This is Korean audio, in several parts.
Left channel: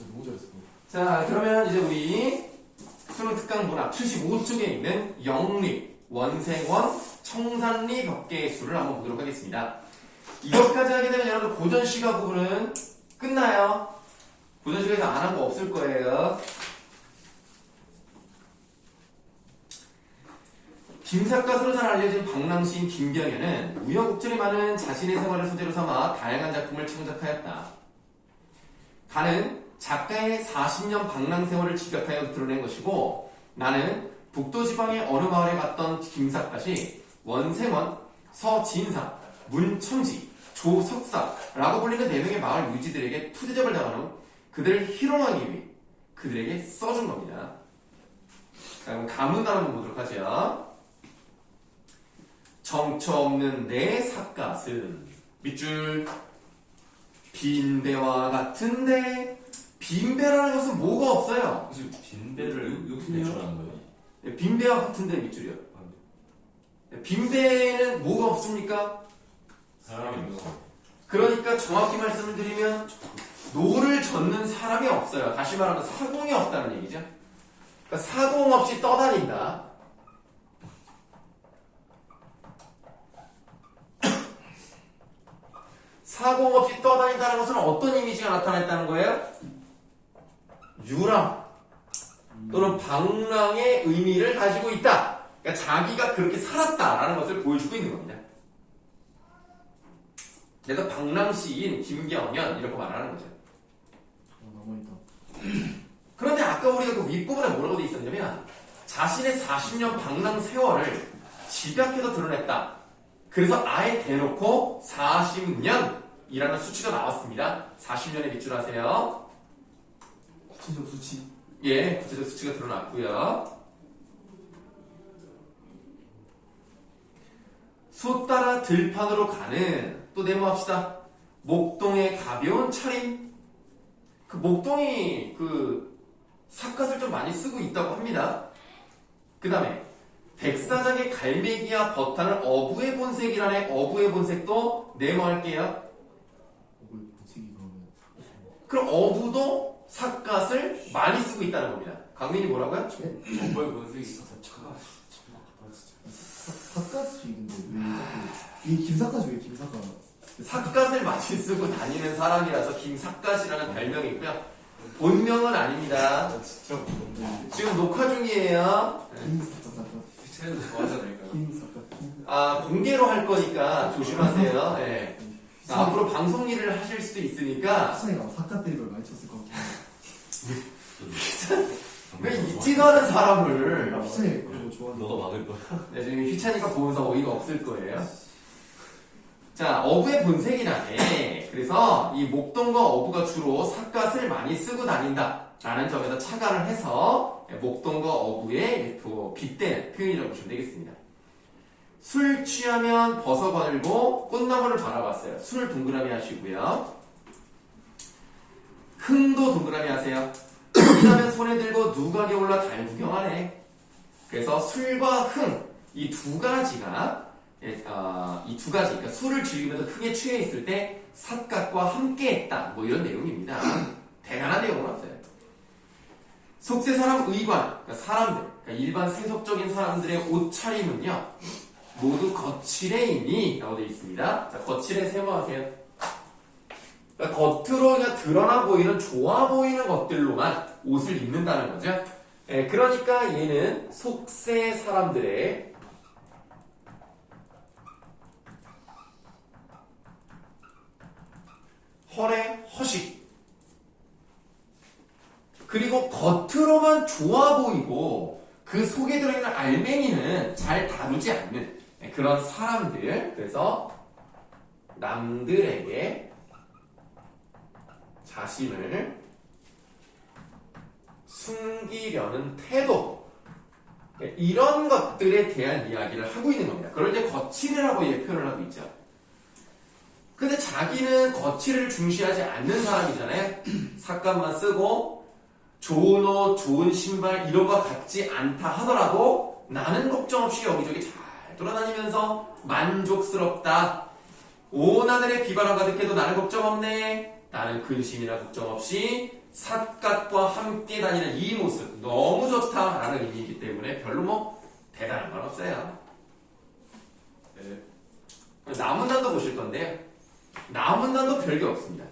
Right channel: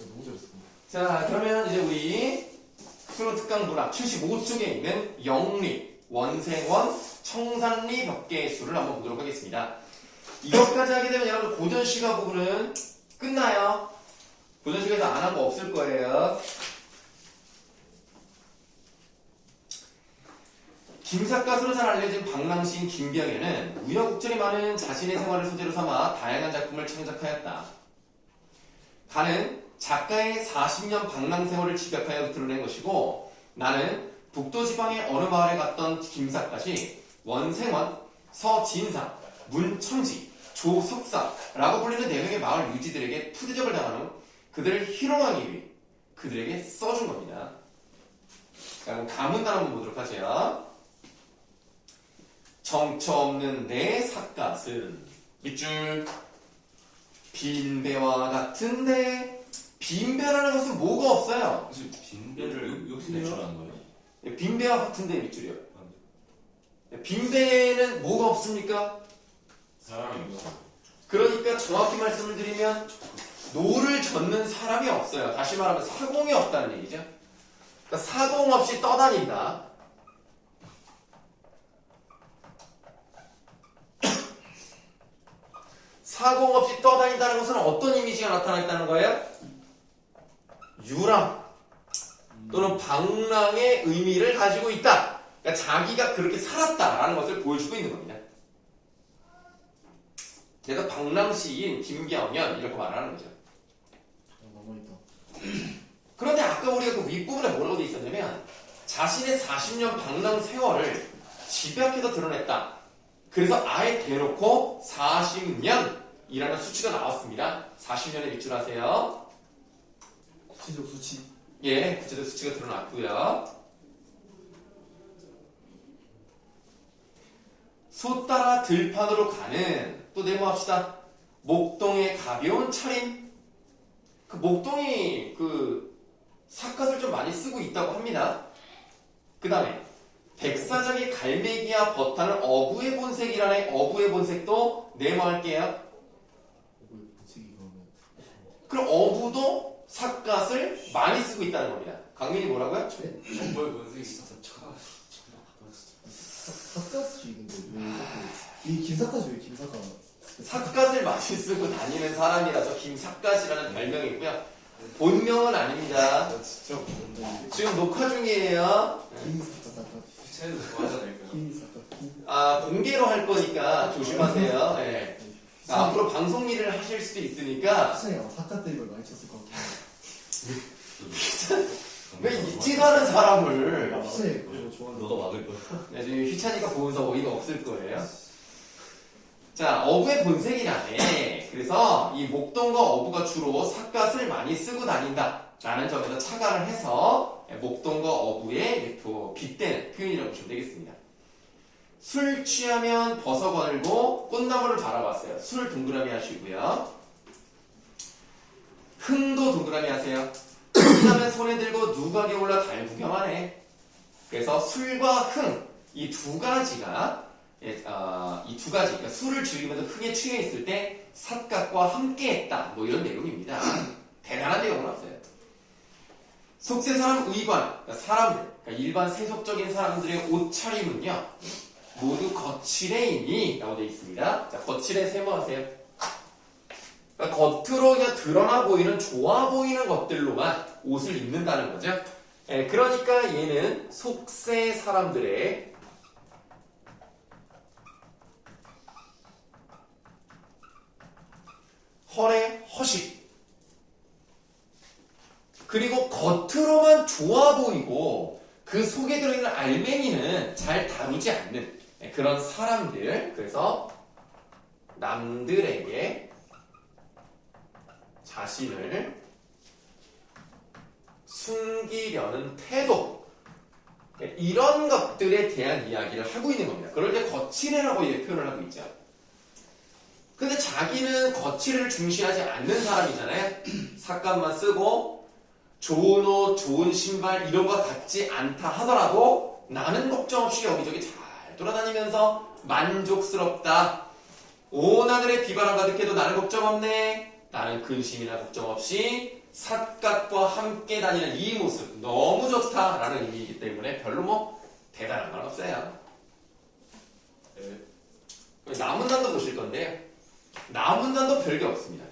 진짜 너무 잘했어. 자, 그러면 이제 우리 수능 특강 문학 75쪽에 있는 영리, 원생원, 청산리 벽계의 수를 한번 보도록 하겠습니다. 이것까지 하게 되면 여러분 고전시가 부분은 끝나요. 고전시가에서 안 한 거 없을 거예요. 김사과서로 잘 알려진 방랑시인 김병현은 우여곡절이 많은 자신의 생활을 소재로 삼아 다양한 작품을 창작하였다. 가는 작가의 40년 방랑 세월을 집약하여 드러낸 것이고, 나는 북도지방의 어느 마을에 갔던 김사과시 원생원, 서진사, 문첨지, 조석사라고 불리는 4명의 마을 유지들에게 투대접을 당한 후 그들을 희롱하기 위해 그들에게 써준 겁니다. 자, 그럼 가문단 한번 보도록 하죠. 정처 없는 내 삿갓은 밑줄 빈배와 같은데, 빈배라는 것은 뭐가 없어요. 무슨 빈배를 여기서 내출하는 거예요? 빈배와 같은데 밑줄이요. 빈배는 뭐가 없습니까? 사람이 없어. 그러니까 정확히 말씀을 드리면 노를 젓는 사람이 없어요. 다시 말하면 사공이 없다는 얘기죠. 그러니까 사공 없이 떠다닌다. 사공 없이 떠다닌다는 것은 어떤 이미지가 나타났다는 거예요? 유랑 또는 방랑의 의미를 가지고 있다. 그러니까 자기가 그렇게 살았다라는 것을 보여주고 있는 겁니다. 그래서 방랑시인 김경연 이렇게 말하는 거죠. 남아있다. 그런데 아까 우리가 그 윗부분에 뭐라고 돼 있었냐면 자신의 40년 방랑 세월을 집약해서 드러냈다. 그래서 아예 대놓고 40년이라는 수치가 나왔습니다. 40년에 밑줄하세요. 구체적 수치. 예, 구체적 수치가 드러났고요. 소 따라 들판으로 가는, 또 네모합시다. 목동의 가벼운 차림. 그 목동이 그 삿갓을 좀 많이 쓰고 있다고 합니다. 그 다음에 백사장의 갈매기와 버타는 어부의 본색이라네. 어부의 본색도 네모할게요. 본색이 그러면. 그럼 어부도 삿갓을 많이 쓰고 있다는 겁니다. 강민이 뭐라고요? 정말 본색이 진짜 차가. 삿갓이 근데 왜 자꾸 이 김삿갓이 왜 김삿갓? 삿갓을 많이 쓰고 다니는 사람이라서 김삿갓이라는 별명이고요. 본명은 아닙니다. 진짜 지금 녹화 중이에요. 김삿갓. 쟤는 좋아하지 않을까요? 김삿갓. 공개로 할 거니까 조심하세요. 네. 앞으로 방송 일을 하실 수도 있으니까 수창이가 삿갓 때리걸 많이 쳤을 것 같긴 왜 미팅하는 사람을 해. 수창이 그거 좋아하는. 너도 막을 거야. 네, 지금 휘찬이가 보면서 어이가 없을 거예요. 자, 어부의 본색이라네. 그래서 이 목동과 어부가 주로 삿갓을 많이 쓰고 다닌다 라는 점에서 착안을 해서 목동과 어부의 빗대는 표현이라고 보시면 되겠습니다. 술 취하면 버섯 거늘고 꽃나무를 바라봤어요. 술 동그라미 하시고요. 흥도 동그라미 하세요. 흥하면 손에 들고 누각에 올라 달 구경하네. 그래서 술과 흥, 이 두 가지가 그러니까 술을 즐기면서 흥에 취해 있을 때 삿갓과 함께했다. 뭐 이런 내용입니다. 대단한 내용은 없어요. 속세 사람 의관, 그러니까 사람들, 그러니까 일반 세속적인 사람들의 옷차림은요, 모두 거칠해이니 라고 되어 있습니다. 자, 거칠해 세모하세요. 그러니까 겉으로 그냥 드러나 보이는 좋아 보이는 것들로만 옷을 입는다는 거죠. 예, 그러니까 얘는 속세 사람들의 허례 허식, 그리고 겉으로만 좋아 보이고 그 속에 들어있는 알맹이는 잘 다루지 않는 그런 사람들. 그래서 남들에게 자신을 숨기려는 태도, 이런 것들에 대한 이야기를 하고 있는 겁니다. 그걸 이제 거칠애라고 표현을 하고 있죠. 근데 자기는 거칠애를 중시하지 않는 사람이잖아요. 삿갓만 쓰고 좋은 옷, 좋은 신발 이런 거 같지 않다 하더라도 나는 걱정 없이 여기저기 잘 돌아다니면서 만족스럽다. 온 하늘에 비바람 가득해도 나는 걱정 없네. 나는 근심이나 걱정 없이 삿갓과 함께 다니는 이 모습 너무 좋다라는 의미이기 때문에 별로 뭐 대단한 건 없어요. 네. 나문단도 보실 건데요. 나문단도 별게 없습니다.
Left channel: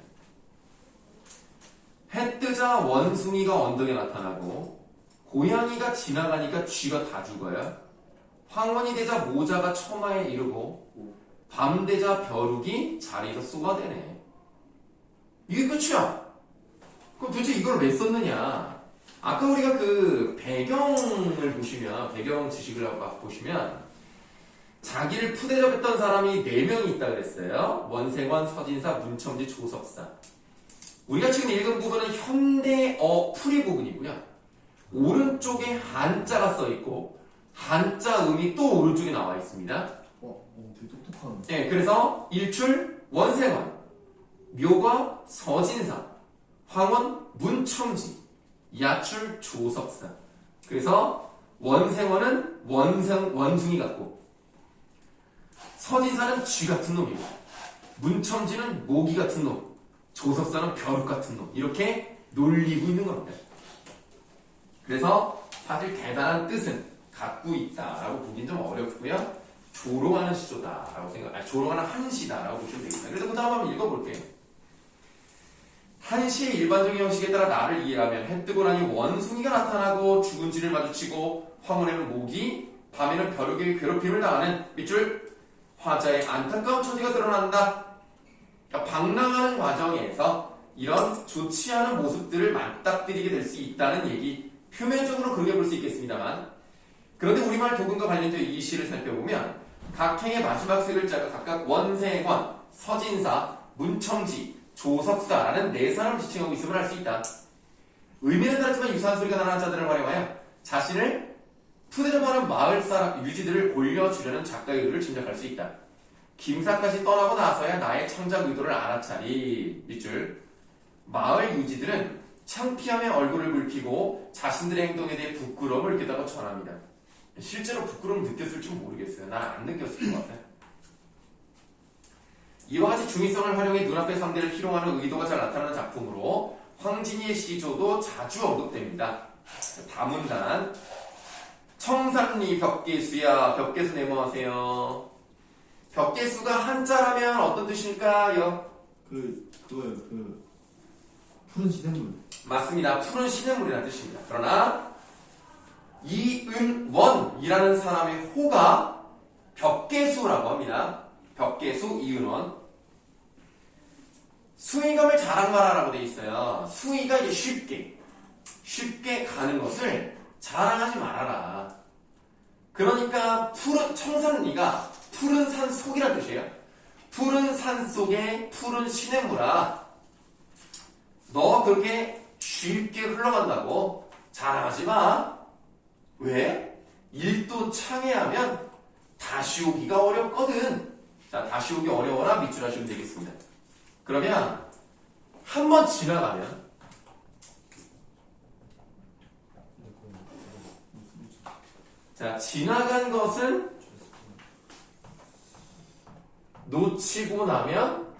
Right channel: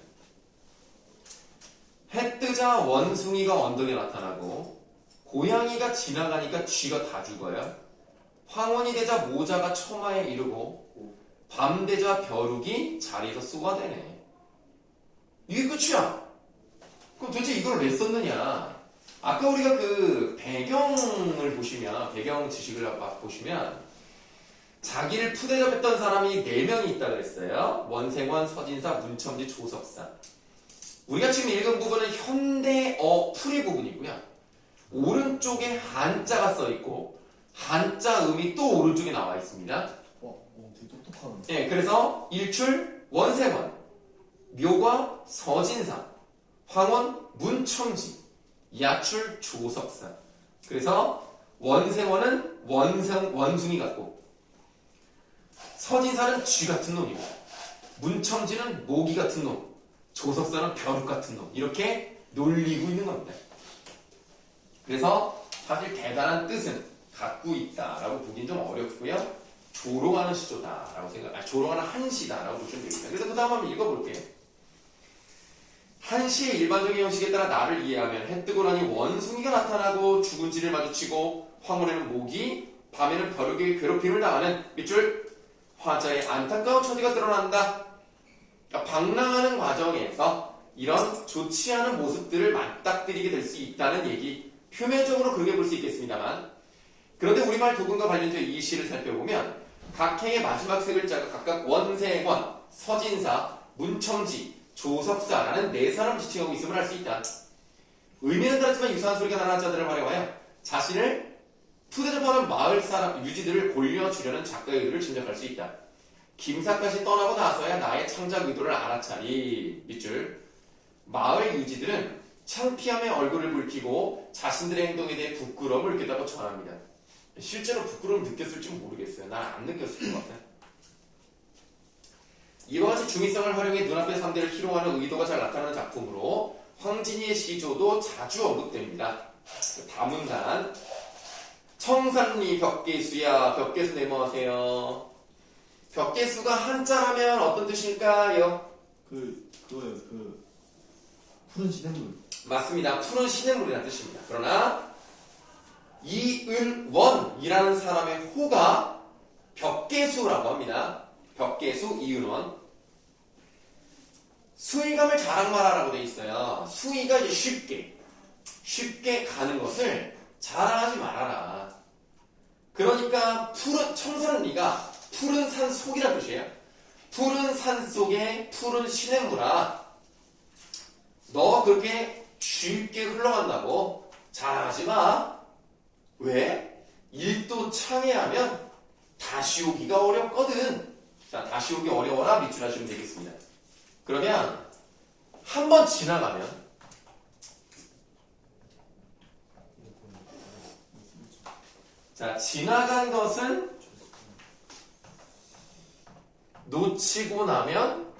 해 뜨자 원숭이가 언덕에 나타나고 고양이가 지나가니까 쥐가 다 죽어요. 황혼이 되자 모자가 처마에 이르고 밤 되자 벼룩이 자리에서 쏘아대네. 이게 끝이야. 그럼 도대체 이걸 왜 썼느냐? 아까 우리가 그 배경을 보시면 배경 지식을 보시면 자기를 푸대접했던 사람이 4명이 있다 그랬어요. 원생원, 서진사, 문첨지, 조석사. 우리가 지금 읽은 부분은 현대어 풀이 부분이고요. 오른쪽에 한자가 써 있고 한자 음이 또 오른쪽에 나와 있습니다. 되게 똑똑한. 네, 그래서 일출 원생원, 묘과 서진사, 황원 문첨지, 야출 조석사. 그래서 원생원은 원숭이 같고 서진사는 쥐 같은 놈이고 문첨지는 모기 같은 놈, 조석사는 벼룩 같은 놈. 이렇게 놀리고 있는 겁니다. 그래서 사실 대단한 뜻은 갖고 있다라고 보긴 좀 어렵고요. 조롱하는 시조다라고 조롱하는 한시다라고 보시면 되겠습니다. 그래서 그 다음 한번 읽어볼게요. 한시의 일반적인 형식에 따라 나를 이해하면 해 뜨고 나니 원숭이가 나타나고 죽은 쥐를 마주치고 황혼에는 모기, 밤에는 벼룩에게 괴롭힘을 당하는 밑줄 화자의 안타까운 처지가 드러난다. 그러니까 방랑하는 과정에서 이런 좋지 않은 모습들을 맞닥뜨리게 될 수 있다는 얘기, 표면적으로 그렇게 볼 수 있겠습니다만, 그런데 우리말 도금과 관련된 이 시를 살펴보면 각 행의 마지막 세 글자가 각각 원생원, 서진사, 문첨지, 조석사라는 4사람을 지칭하고 있음을 알 수 있다. 의미는 다르지만 유사한 소리가 나는 한자들을 활용하여 자신을 푸대접하는 마을 사람 유지들을 올려주려는 작가의 의도를 짐작할 수 있다. 김사까지 떠나고 나서야 나의 창작 의도를 알아차리. 밑줄 마을 유지들은 창피함에 얼굴을 붉히고 자신들의 행동에 대해 부끄러움을 느꼈다고 전합니다. 실제로 부끄러움 느꼈을지 모르겠어요. 난 안 느꼈을 것 같아요. 이와 같이 중의성을 활용해 눈앞의 상대를 희롱하는 의도가 잘 나타나는 작품으로 황진이의 시조도 자주 언급됩니다. 다문단 청산리 벽계수야. 벽계수 네모하세요. 벽계수가 한자라면 어떤 뜻일까요? 그거예요. 푸른 시냇물. 맞습니다. 푸른 시냇물이라는 뜻입니다. 그러나 이은원이라는 사람의 호가 벽계수라고 합니다. 벽계수 이은원. 수위감을 자랑하라라고 되어 있어요. 수위가 이제 쉽게 가는 것을 자랑하지 말아라. 그러니까 푸른 청산리가 푸른 산 속이라는 뜻이에요. 푸른 산 속에 푸른 시냇물아, 너 그렇게 쉽게 흘러간다고 자랑하지 마. 왜? 일도 창해하면 다시 오기가 어렵거든. 자, 다시 오기 어려워라 밑줄 하시면 되겠습니다. 그러면 한번 지나가면 자, 지나간 것은 놓치고 나면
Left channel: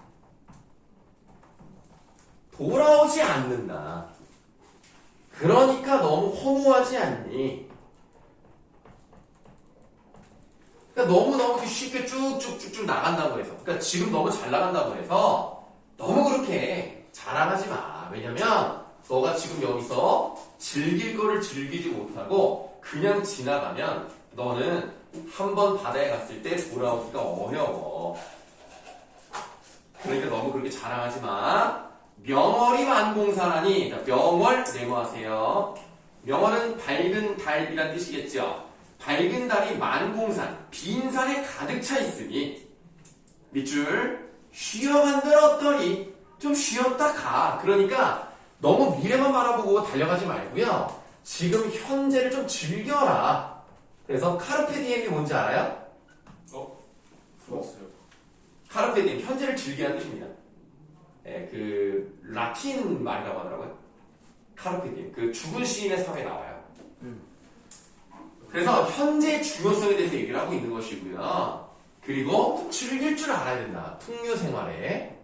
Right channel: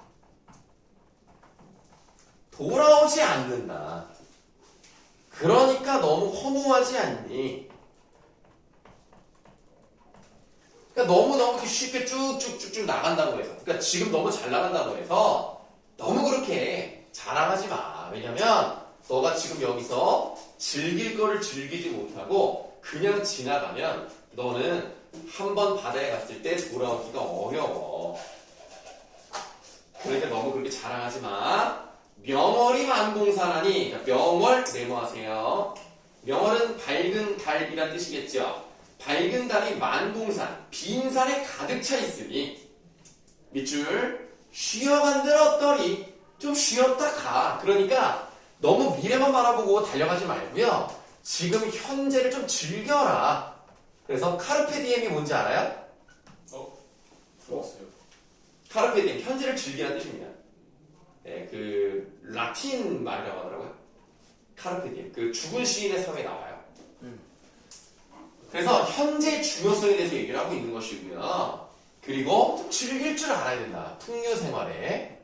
돌아오지 않는다. 그러니까 너무 허무하지 않니? 그러니까 너무 쉽게 쭉쭉쭉쭉 나간다고 해서, 그러니까 지금 너무 잘 나간다고 해서 너무 그렇게 자랑하지 마. 왜냐면 너가 지금 여기서 즐길 거를 즐기지 못하고 그냥 지나가면 너는 한번 바다에 갔을 때 돌아오기가 어려워. 그러니까 너무 그렇게 자랑하지 마. 명월이 만봉산하니, 그러니까 명월 네모하세요. 명월은 밝은 달이란 뜻이겠죠. 밝은 달이 만봉산, 빈 산에 가득 차 있으니 밑줄 쉬어간들 어떠리. 좀 쉬었다 가. 그러니까 너무 미래만 바라보고 달려가지 말고요. 지금 현재를 좀 즐겨라. 그래서 카르페 디엠이 뭔지 알아요? 들었어요. 카르페 디엠, 현재를 즐기라는 뜻입니다. 네, 그 라틴 말이라고 하더라고요. 카르페 디엠. 그 죽은 시인의 삶에 나와요. 그래서 현재의 중요성에 대해서 얘기를 하고 있는 것이고요. 그리고 즐길 줄 알아야 된다. 풍류 생활에.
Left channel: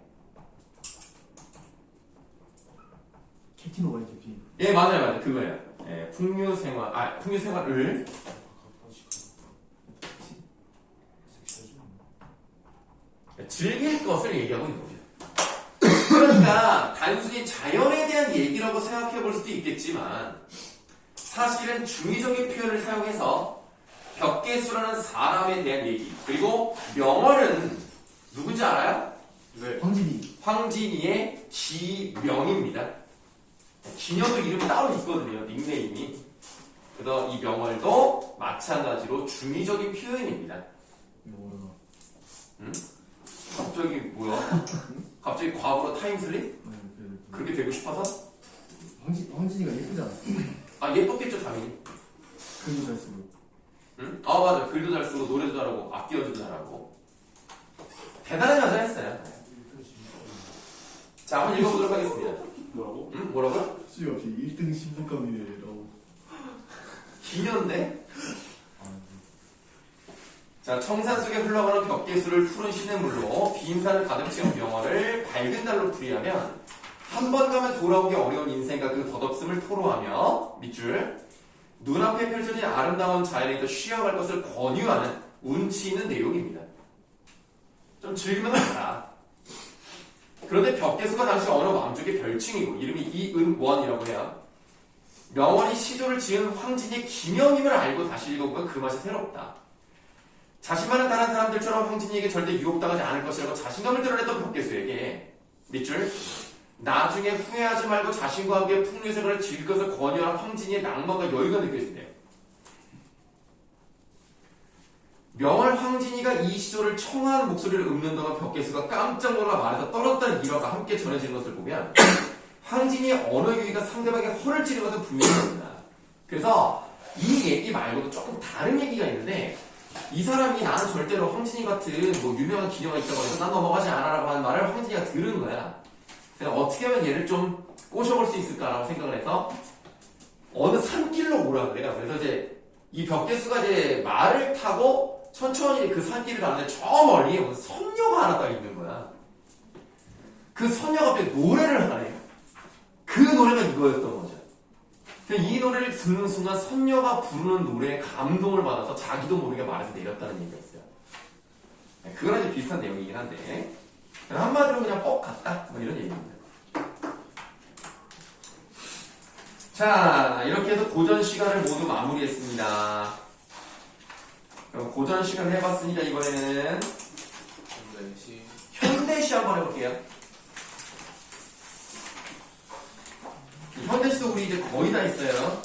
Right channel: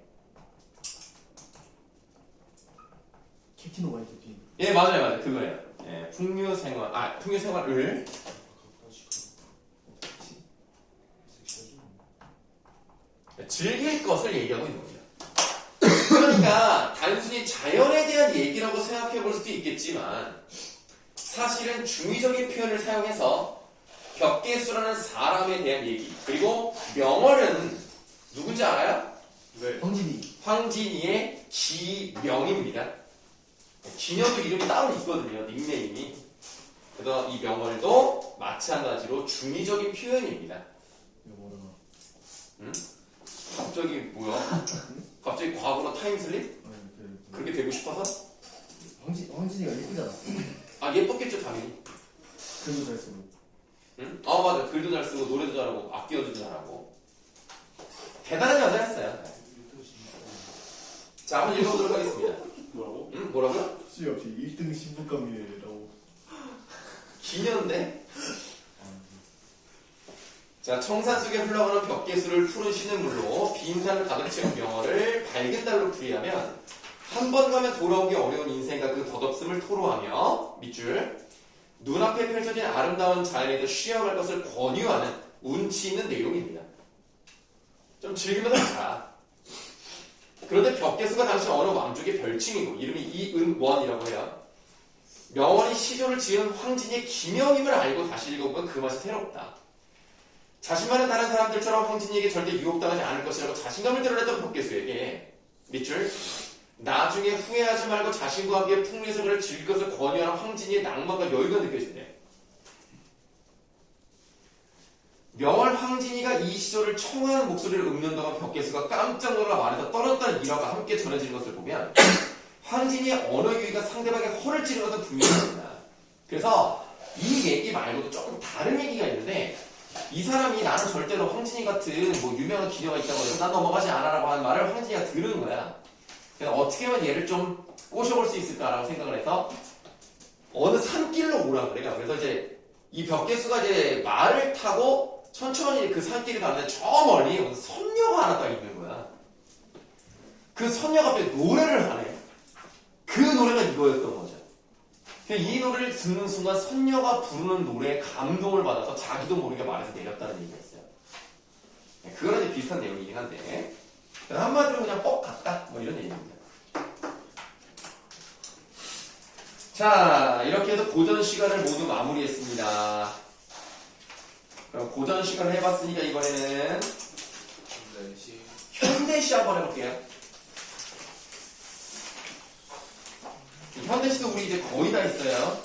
캡틴 캡틴. 예, 맞아요. 그거예요. 예, 풍류생활을 즐길 것을 얘기하고 있는 거죠. 그러니까 단순히 자연에 대한 얘기라고 생각해 볼 수도 있겠지만 사실은 중의적인 표현을 사용해서 벽계수라는 사람에 대한 얘기 그리고 명언은 누군지 알아요? 네. 황진이. 황진이의 지명입니다. 기녀도 이름이 따로 있거든요. 닉네임이. 그래서 이 명언도 마찬가지로 중의적인 표현입니다. 이거 모르나? 응? 갑자기 뭐야? 갑자기 과거로 타임슬립? 그렇게 되고 싶어서? 황진이가 예쁘지 않았어? 아 예뻤겠죠 당연히. 글도 잘 쓰고. 응? 아 맞아. 글도 잘 쓰고 노래도 잘하고 악기도 잘하고 대단한 여자였어요. 자 한번 읽어보도록 하겠습니다. 뭐라고? 응? 뭐라고요? 수 옆이 1등 신부감이라고. 기녀인데? 자, 청산 속에 흘러가는 벽계수를 푸른 시냇물로 빈산을 가득 채운 명언을 밝은 달로 풀이하면 한 번 가면 돌아오기 어려운 인생과 그 덧없음을 토로하며 밑줄 눈앞에 펼쳐진 아름다운 자연에도 쉬어갈 것을 권유하는 운치 있는 내용입니다. 좀 즐기면서 봐라. 그런데 벽계수가 당시 어느 왕족의 별칭이고 이름이 이은원이라고 해요. 명원이 시조를 지은 황진이의 기명임을 알고 다시 읽어보면 그 맛이 새롭다. 자신만은 다른 사람들처럼 황진이에게 절대 유혹당하지 않을 것이라고 자신감을 드러냈던 벽계수에게 밑줄 나중에 후회하지 말고 자신과 함께 풍류생활을 즐길 것을 권유하는 황진이의 낭만과 여유가 느껴진대요. 명월 황진이가 이 시조를 청하는 목소리를 읊는 동안 벽계수가 깜짝 놀라 말에서 떨었다는 일화가 함께 전해지는 것을 보면 황진이의 언어 유희가 상대방의 허를 찌르는 것은 분명합니다. 그래서 이 얘기 말고도 조금 다른 얘기가 있는데 이 사람이 나는 절대로 황진이 같은 뭐 유명한 기녀가 있다고 해서 난 넘어가지 않아라고 하는 말을 황진이가 들은 거야. 그래서 어떻게 하면 얘를 좀 꼬셔볼 수 있을까라고 생각을 해서 어느 산길로 오라 그래. 그래서 이제 이 벽계수가 이제 말을 타고 천천히 그 산길을 가는데 저 멀리 어느 선녀가 하나 딱 있는 거야. 그 선녀가 갑자기 노래를 하네. 그 노래가 이거였던 거죠. 이 노래를 듣는 순간 선녀가 부르는 노래에 감동을 받아서 자기도 모르게 말에서 내렸다는 얘기였어요. 그거랑 이제 비슷한 내용이긴 한데 한마디로 그냥 뻑 갔다 뭐 이런 얘기입니다. 자 이렇게 해서 고전 시간을 모두 마무리했습니다. 그럼 고전 시간을 해봤으니까 이번에는 현대시 한번 해볼게요. 현대시도 우리 이제 거의 다 있어요.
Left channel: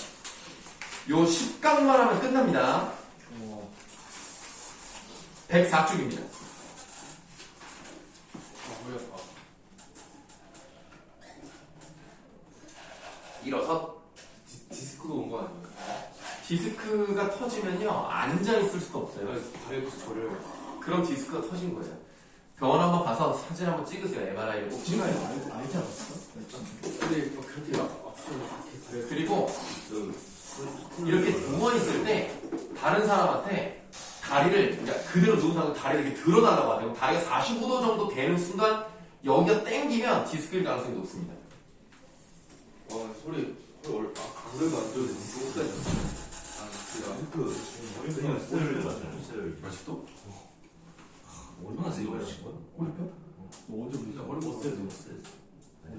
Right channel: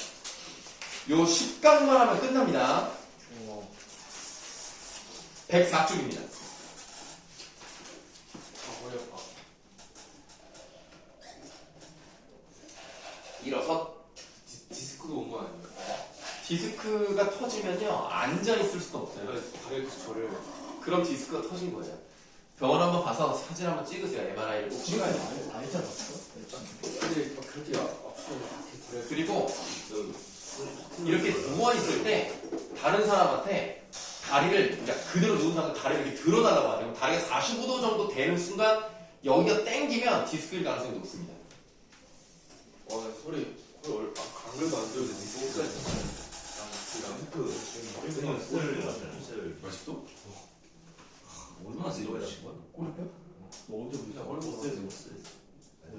요 10강만 하면 끝납니다. 104쪽입니다. 일어서 디스크가 온 거 아닌가요? 디스크가 터지면요 앉아있을 수도 없어요. 다리부터 저를 그런 디스크가 터진 거예요. 병원 한번 가서 사진 한번 찍으세요. MRI를 꼭 찍어야 돼요. 알지 않았어? 근데 막 그렇게 앞서 이렇게 그리고 이렇게 누워있을 때 다른 사람한테 다리를 그러니까 그대로 누운 상태로 다리를 이렇게 들어달라고 하세요. 다리가 45도 정도 되는 순간 여기가 땡기면 디스크일 가능성이 높습니다. 와 소리 안 그래도 안 좋은데 목까지 아직도? 얼마나 세게 올라신 거야? 꼬리뼈? 너 언제 보자?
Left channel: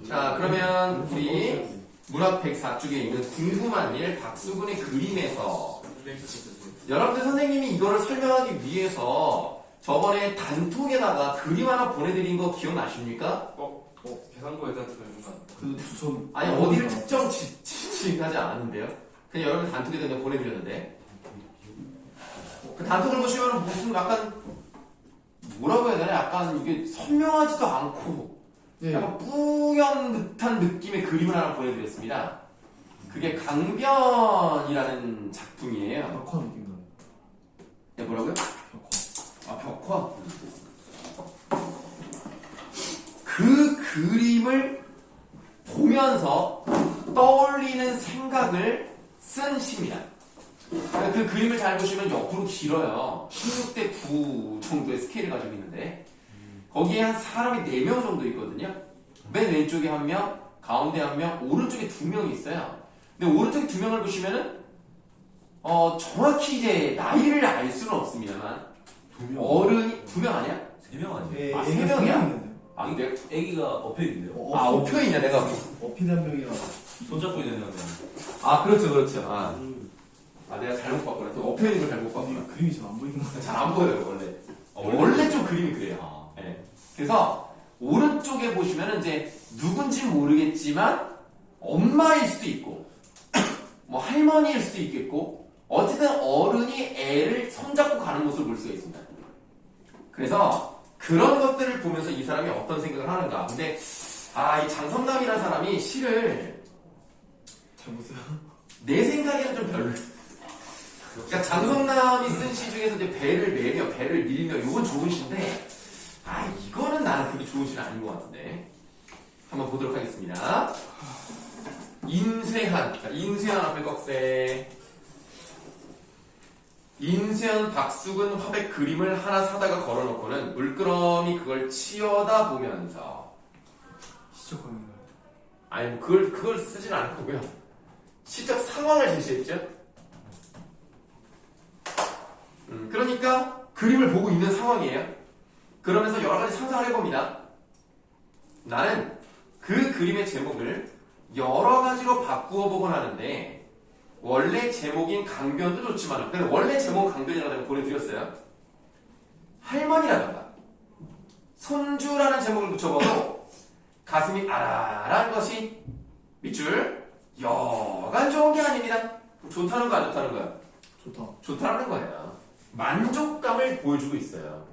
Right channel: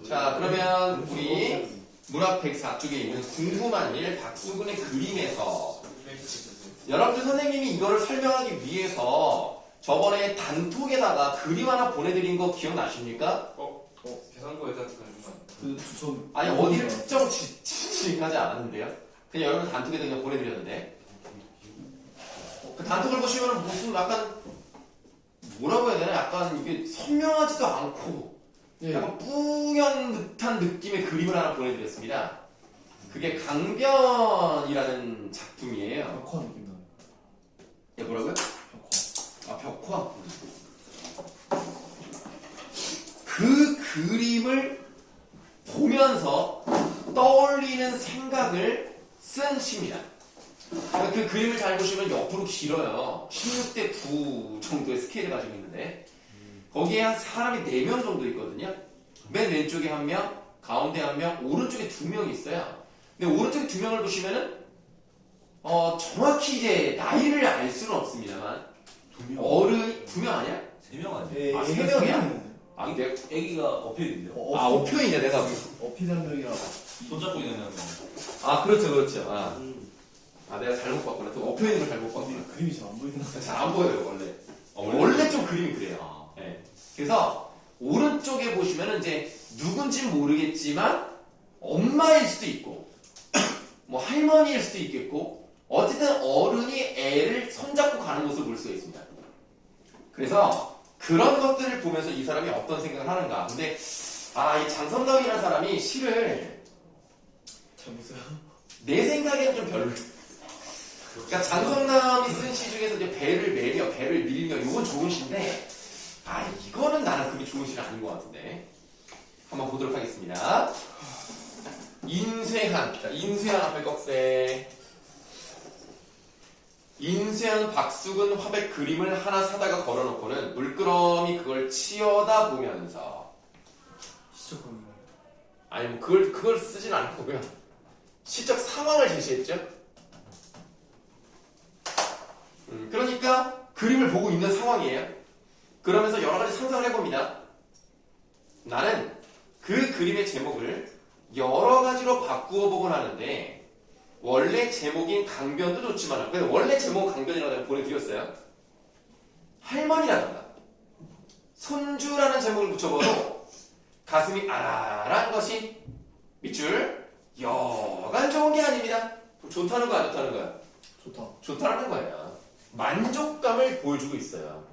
자 그러면 우리 문학 104쪽에 있는 궁금한 일 박수근의 그림에서 여러분들 선생님이 이거를 설명하기 위해서 저번에 단톡에다가 그림 하나 보내드린 거 기억나십니까? 계산고에다 들어준 거 아니에요? 아니 어디를 특정 지칭하지 않았는데요. 그냥 여러분 단톡에다 그냥 보내드렸는데 그 단톡을 보시면 무슨 약간 뭐라고 해야 되나 약간 이게 선명하지도 않고 예. 약간 뿌연 듯한 느낌의 그림을 하나 보내드렸습니다. 그게 강변이라는 작품이에요. 벽화 느낌 나네. 야 뭐라고요? 벽화. 아 벽화. 그 그림을 보면서 떠올리는 생각을 쓴 시입니다. 그 그림을 잘 보시면 옆으로 길어요. 16대 9 정도의 스케일을 가지고 있는데 거기에 한 사람이 4명 정도 있거든요. 맨 왼쪽에 1명, 가운데 한 명, 오른쪽에 두 명이 있어요. 근데 오른쪽에 두 명을 보시면은 정확히 이제 나이를 알 수는 없습니다만 어른이 두 명 아니야? 3명 아니야? 예, 아, 애가 세 명이야? 세 명 있는데. 아, 근데 애기가 엎여 있는데요? 아, 5편이냐 내가. 어피드 한 명이랑. 손잡고 있는 명. 아, 그렇죠. 아, 내가 잘못 봤구나. 또 엎여 있는 걸 잘못 봤구나. 그림이 잘 안 보이는 거. 잘 안 보여요, 원래. 원래? 원래 좀 그림이 그래요. 아, 예. 그래서 오른쪽에 보시면은 이제 누군지 모르겠지만 엄마일 수도 있고 뭐 할머니일 수도 있겠고 어쨌든 어른이 애를 손잡고 가는 모습을 볼 수가 있습니다. 그래서 그런 것들을 보면서 이 사람이 어떤 생각을 하는가. 근데 이 장성남이라는 사람이 시를 잘 보세요. 내 생각에는 좀 별로. 그러니까 장성남이 쓴 시 중에서 이제 배를 매며 배를 밀며 이건 좋은 시인데 이거는 나는 그렇게 좋은 시는 아닌 것 같은데 한번 보도록 하겠습니다. 인쇄한. 자, 인쇄한 앞에 꺽쇠. 인쇄한 박숙은 화백 그림을 하나 사다가 걸어놓고는 물끄러미 그걸 치여다 보면서 시작하는 거. 아니 그걸 쓰진 않고요. 시적 상황을 제시했죠. 그러니까 그림을 보고 있는 상황이에요. 그러면서 여러 가지 상상을 해봅니다. 나는 그 그림의 제목을 여러 가지로 바꾸어 보곤 하는데 원래 제목인 강변도 좋지만 원래 제목은 강변이라고 내가 보내드렸어요. 할머니라든가 손주라는 제목을 붙여봐도 가슴이 아라라한 것이 밑줄 여간 좋은 게 아닙니다. 좋다는 거야, 안 좋다는 거야? 좋다. 좋다는 거예요. 만족감을 보여주고 있어요.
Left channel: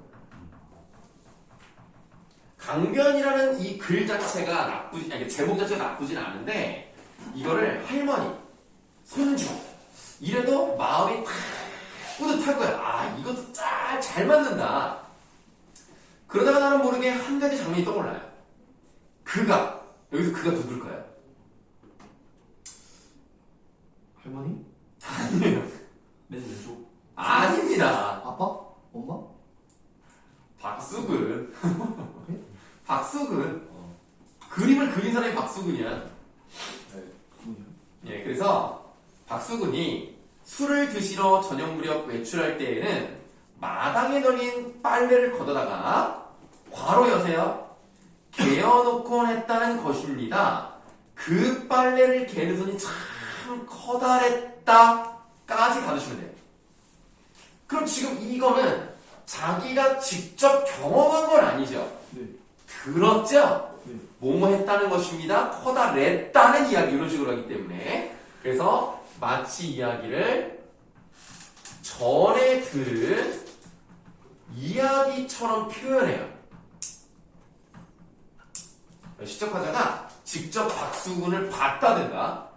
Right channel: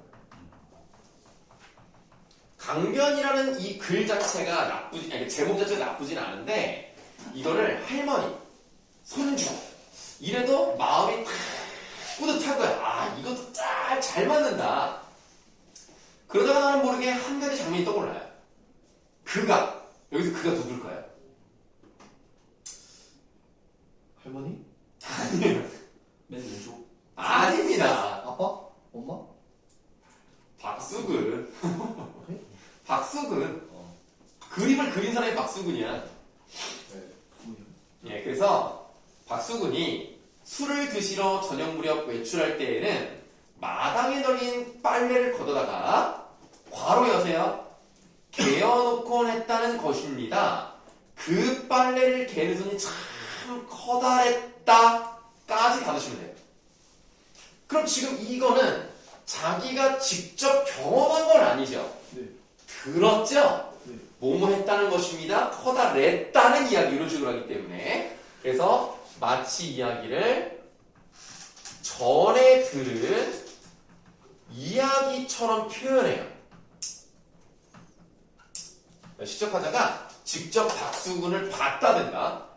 강변이라는 이 글 자체가 제목 자체가 나쁘진 않은데 이거를 할머니, 손주 이래도 마음이 탁 뿌듯한 거야. 이것도 딱 잘 맞는다. 그러다가 나는 모르게 한 가지 장면이 떠올라요. 여기서 그가 누굴까요? 할머니? 아니에요. 맨 왼쪽. 아닙니다. 아빠? 엄마? 박수근. 네? 박수근. 그림을 그린 사람이 박수근이야. 누구냐? 예, 그래서 박수근이 술을 드시러 저녁 무렵 외출할 때에는 마당에 널린 빨래를 걷어다가 괄호 여세요. 개어놓곤 했다는 것입니다. 그 빨래를 개는 손이 참 커다랬다까지 받으시면 돼요. 그럼 지금 이거는 자기가 직접 경험한 건 아니죠. 네. 들었죠? 네. 뭐뭐 했다는 것입니다. 커다랬다는 이야기 이런 식으로 하기 때문에 그래서 마치 이야기를 전에 들은 이야기처럼 표현해요. 시적화자가 직접 박수근을 봤다든가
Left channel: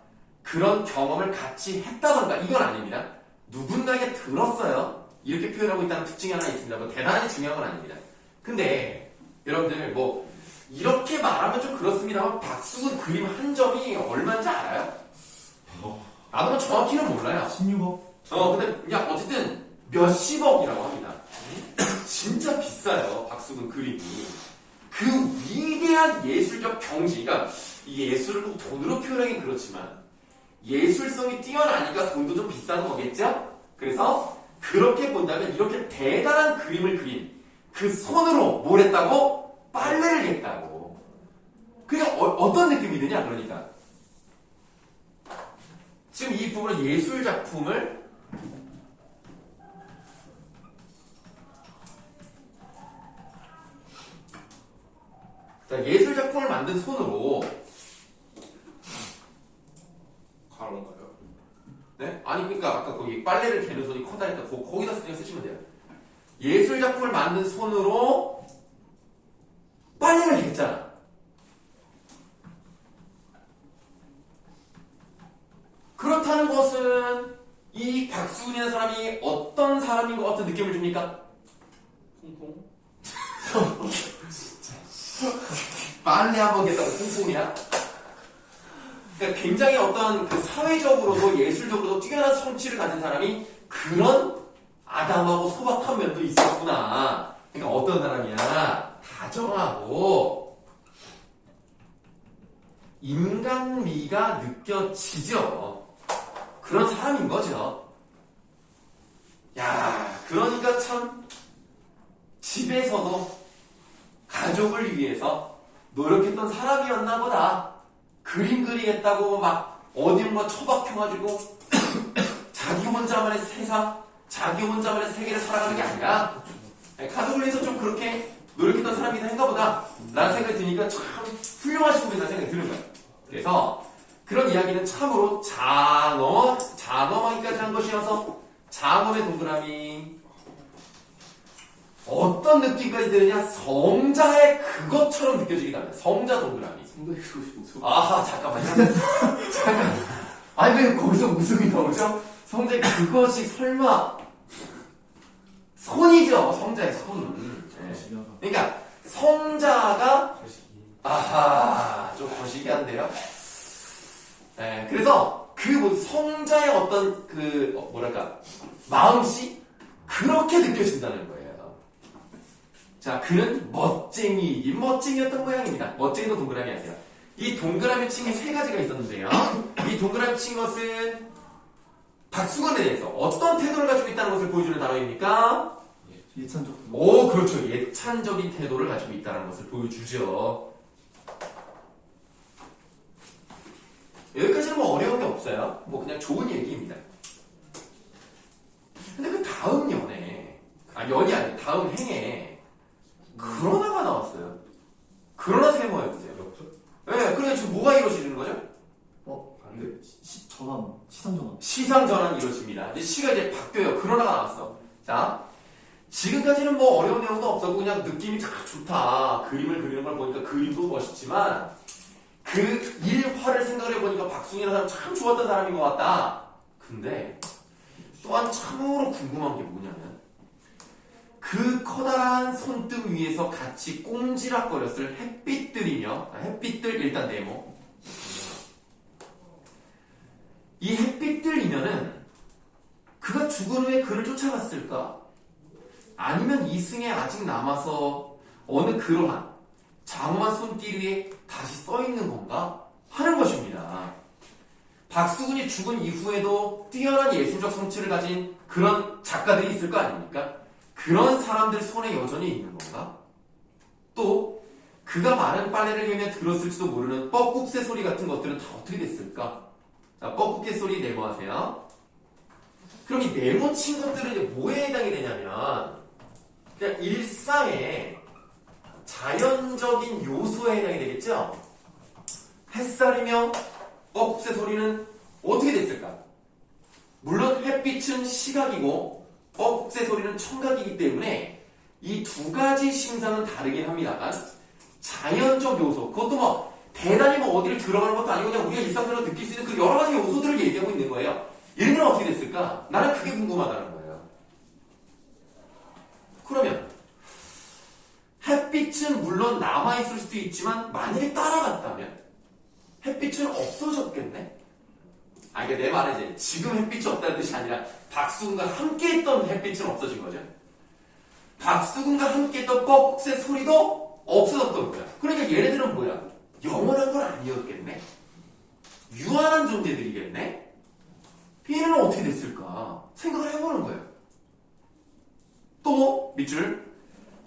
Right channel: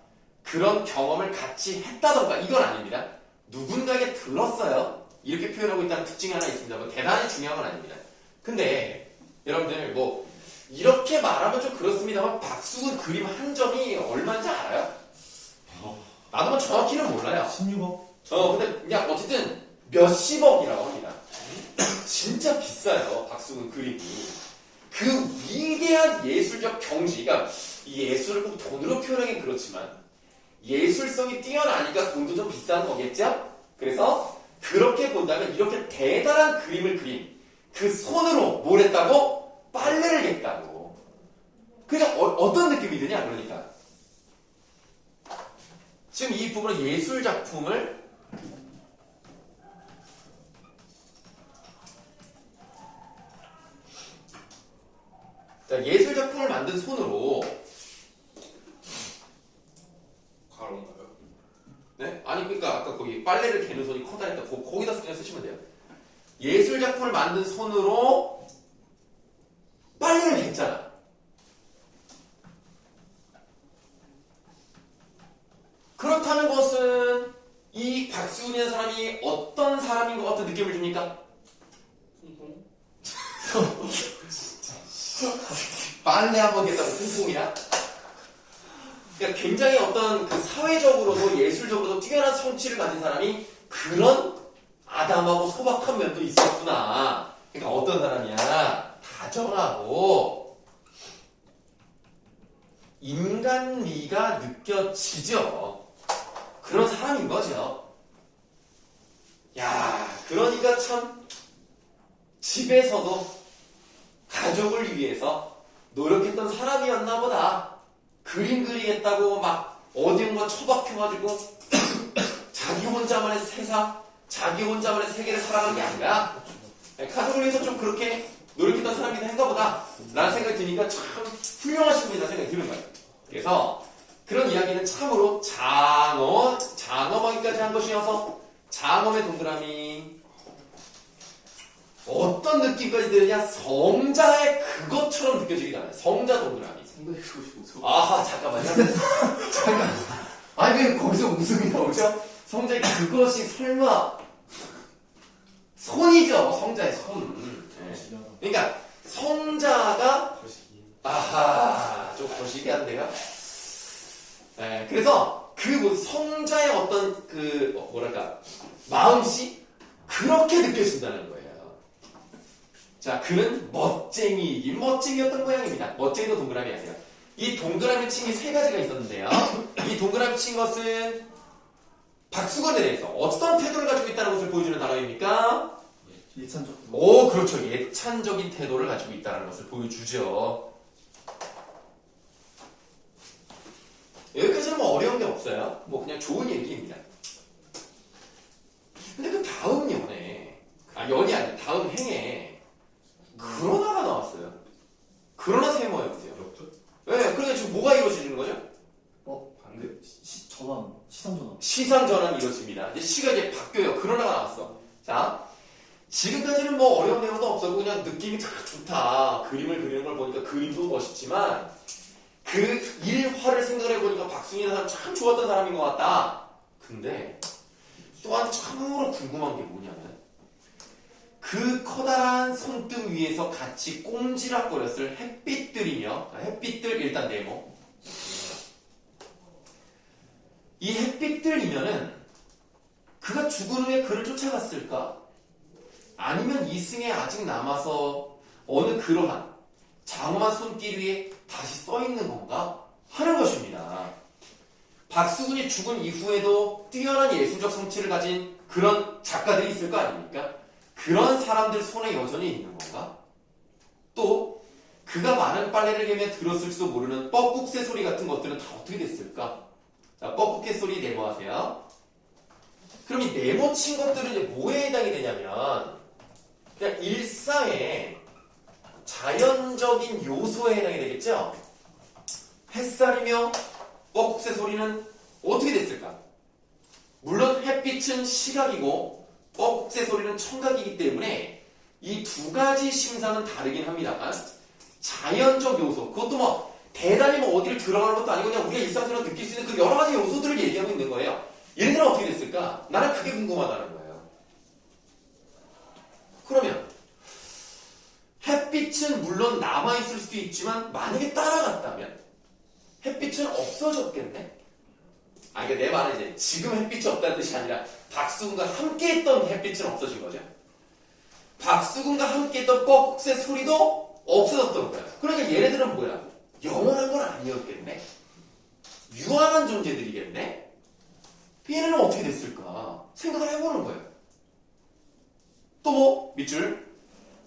그런 경험을 같이 했다든가 이건 아닙니다. 누군가에게 들었어요. 이렇게 표현하고 있다는 특징이 하나 있습니다. 뭐 대단히 중요한 건 아닙니다. 근데 여러분들 뭐 이렇게 말하면 좀 그렇습니다만 박수근 그림 한 점이 얼마인지 알아요? 나도 뭐 정확히는 몰라요. 16억? 근데 그냥 어쨌든 몇십억이라고 합니다. 진짜 비싸요. 박수근 그림이. 그 위대한 예술적 경지, 그러니까 이 예술을 꼭 돈으로 표현하긴 그렇지만 예술성이 뛰어나니까 돈도 좀 비싼 거겠죠? 그래서 그렇게 본다면 이렇게 대단한 그림을 그린 그 손으로 뭘 했다고? 빨래를 했다고. 그러니까 어떤 느낌이 드냐? 그러니까 지금 이 부분은 예술 작품을 예술 작품을 만든 손으로 가로인가요? 네? 아니 그러니까 아까 거기 빨래를 개는 손이 커다랬다. 거기다 그냥 쓰시면 돼요. 예술 작품을 만든 손으로 빨래를 했잖아. 그렇다는 것은 이 박수근이라는 사람이 어떤 사람인 것 같은 느낌을 줍니까? 퐁퐁? 빨래 한번 했다고 퐁퐁이야? 그러니까 굉장히 어떤 그 사회적으로도 예술적으로도 뛰어난 성취를 가진 사람이 그런 아담하고 소박한 면도 있었구나. 그러니까 어떤 사람이야? 다정하고 인간미가 느껴지죠. 그런 사람인 거죠. 야, 그러니까 참 집에서도 가족을 위해서 노력했던 사람이었나 보다. 그림 그리겠다고 막 어디론가 처박혀가지고 자기 혼자만의 세상, 자기 혼자만의 세계를 살아가는 게 아니라 가족을 위해서 좀 그렇게 노력했던 사람이긴 한가 보다 라는 생각이 드니까 참 훌륭하신 분이라는 생각이 드는 거예요. 그래서 그런 이야기는 참으로 장엄하기까지 한 것이어서 장엄의 동그라미 어떤 느낌까지 드느냐? 성자의 그것처럼 느껴지기도 합니다. 성자 동그라미. 상당히 좋으시죠. 아하, 잠깐만요. 잠깐. 아니, 왜 거기서 웃음이 나오죠? 성자의 그것이 설마 손이죠. 성자의 손. 네. 지나가. 그러니까 성자가 거시기. 아하, 좀 거시기한데요. 네, 그래서 그 성자의 어떤 그 뭐랄까 마음씨 그렇게 느껴진다는 거예요. 자, 그는 멋쟁이이긴 멋쟁이였던 모양입니다. 멋쟁이도 동그라미 하세요. 이 동그라미 친 게 세 가지가 있었는데요. 이 동그라미 친 것은 박수건에 대해서 어떤 태도를 가지고 있다는 것을 보여주는 단어입니까? 예찬적. 오, 그렇죠. 예찬적인 태도를 가지고 있다는 것을 보여주죠. 여기까지는 뭐 어려운 게 없어요. 뭐 그냥 좋은 얘기입니다. 근데 그 다음 연에, 연이 아니라 다음 행에 그러나가 나왔어요. 그러나 세모였어요. 그렇죠? 네, 그러니까 지금 뭐가 이루어지는 거죠? 반대. 전환, 시상 전환. 시상 전환이 이루어집니다. 이제 시가 이제 바뀌어요. 그러나가 나왔어. 자, 지금까지는 뭐 어려운 내용도 없었고 그냥 느낌이 참 좋다. 그림을 그리는 걸 보니까 그림도 멋있지만 그 일화를 생각해 보니까 박순이라는 사람 참 좋았던 사람인 것 같다. 근데 또한 참으로 궁금한 게 뭐냐면 그 커다란 손등 위에서 같이 꼼지락거렸을 햇빛들이며 햇빛들 일단 네모 이 햇빛들이면은 그가 죽은 후에 그를 쫓아갔을까? 아니면 이승에 아직 남아서 어느 그러한 장엄한 손길 위에 다시 써있는 건가? 하는 것입니다. 박수근이 죽은 이후에도 뛰어난 예술적 성취를 가진 그런 작가들이 있을 거 아닙니까? 그런 사람들 손에 여전히 있는 건가? 또 그가 많은 빨래를 개며 들었을지도 모르는 뻐꾹새 소리 같은 것들은 다 어떻게 됐을까? 자, 뻐꾹새 소리 네모하세요. 그럼 이 네모 친 것들은 이제 뭐에 해당이 되냐면 그냥 일상의 자연적인 요소에 해당이 되겠죠? 햇살이며 뻐꾹새 소리는 어떻게 됐을까? 물론 햇빛은 시각이고 뻐꾹새 소리는 청각이기 때문에 이 두 가지 심사는 다르긴 합니다만 자연적 요소, 그것도 뭐 대단히 뭐 어디를 들어가는 것도 아니고 그냥 우리가 일상적으로 느낄 수 있는 그 여러 가지 요소들을 얘기하고 있는 거예요. 얘네들은 어떻게 됐을까? 나는 그게 궁금하다는 거예요. 그러면 햇빛은 물론 남아있을 수도 있지만 만약에 따라갔다면 햇빛은 없어졌겠네? 그러니까 내 말은 이제 지금 햇빛이 없다는 뜻이 아니라 박수근과 함께했던 햇빛은 없어진 거죠. 박수근과 함께했던 뻐꾹새 소리도 없어졌던 거야. 그러니까 얘네들은 뭐야? 영원한 건 아니었겠네? 유한한 존재들이겠네? 얘네는 어떻게 됐을까? 생각을 해보는 거예요. 또 뭐? 밑줄.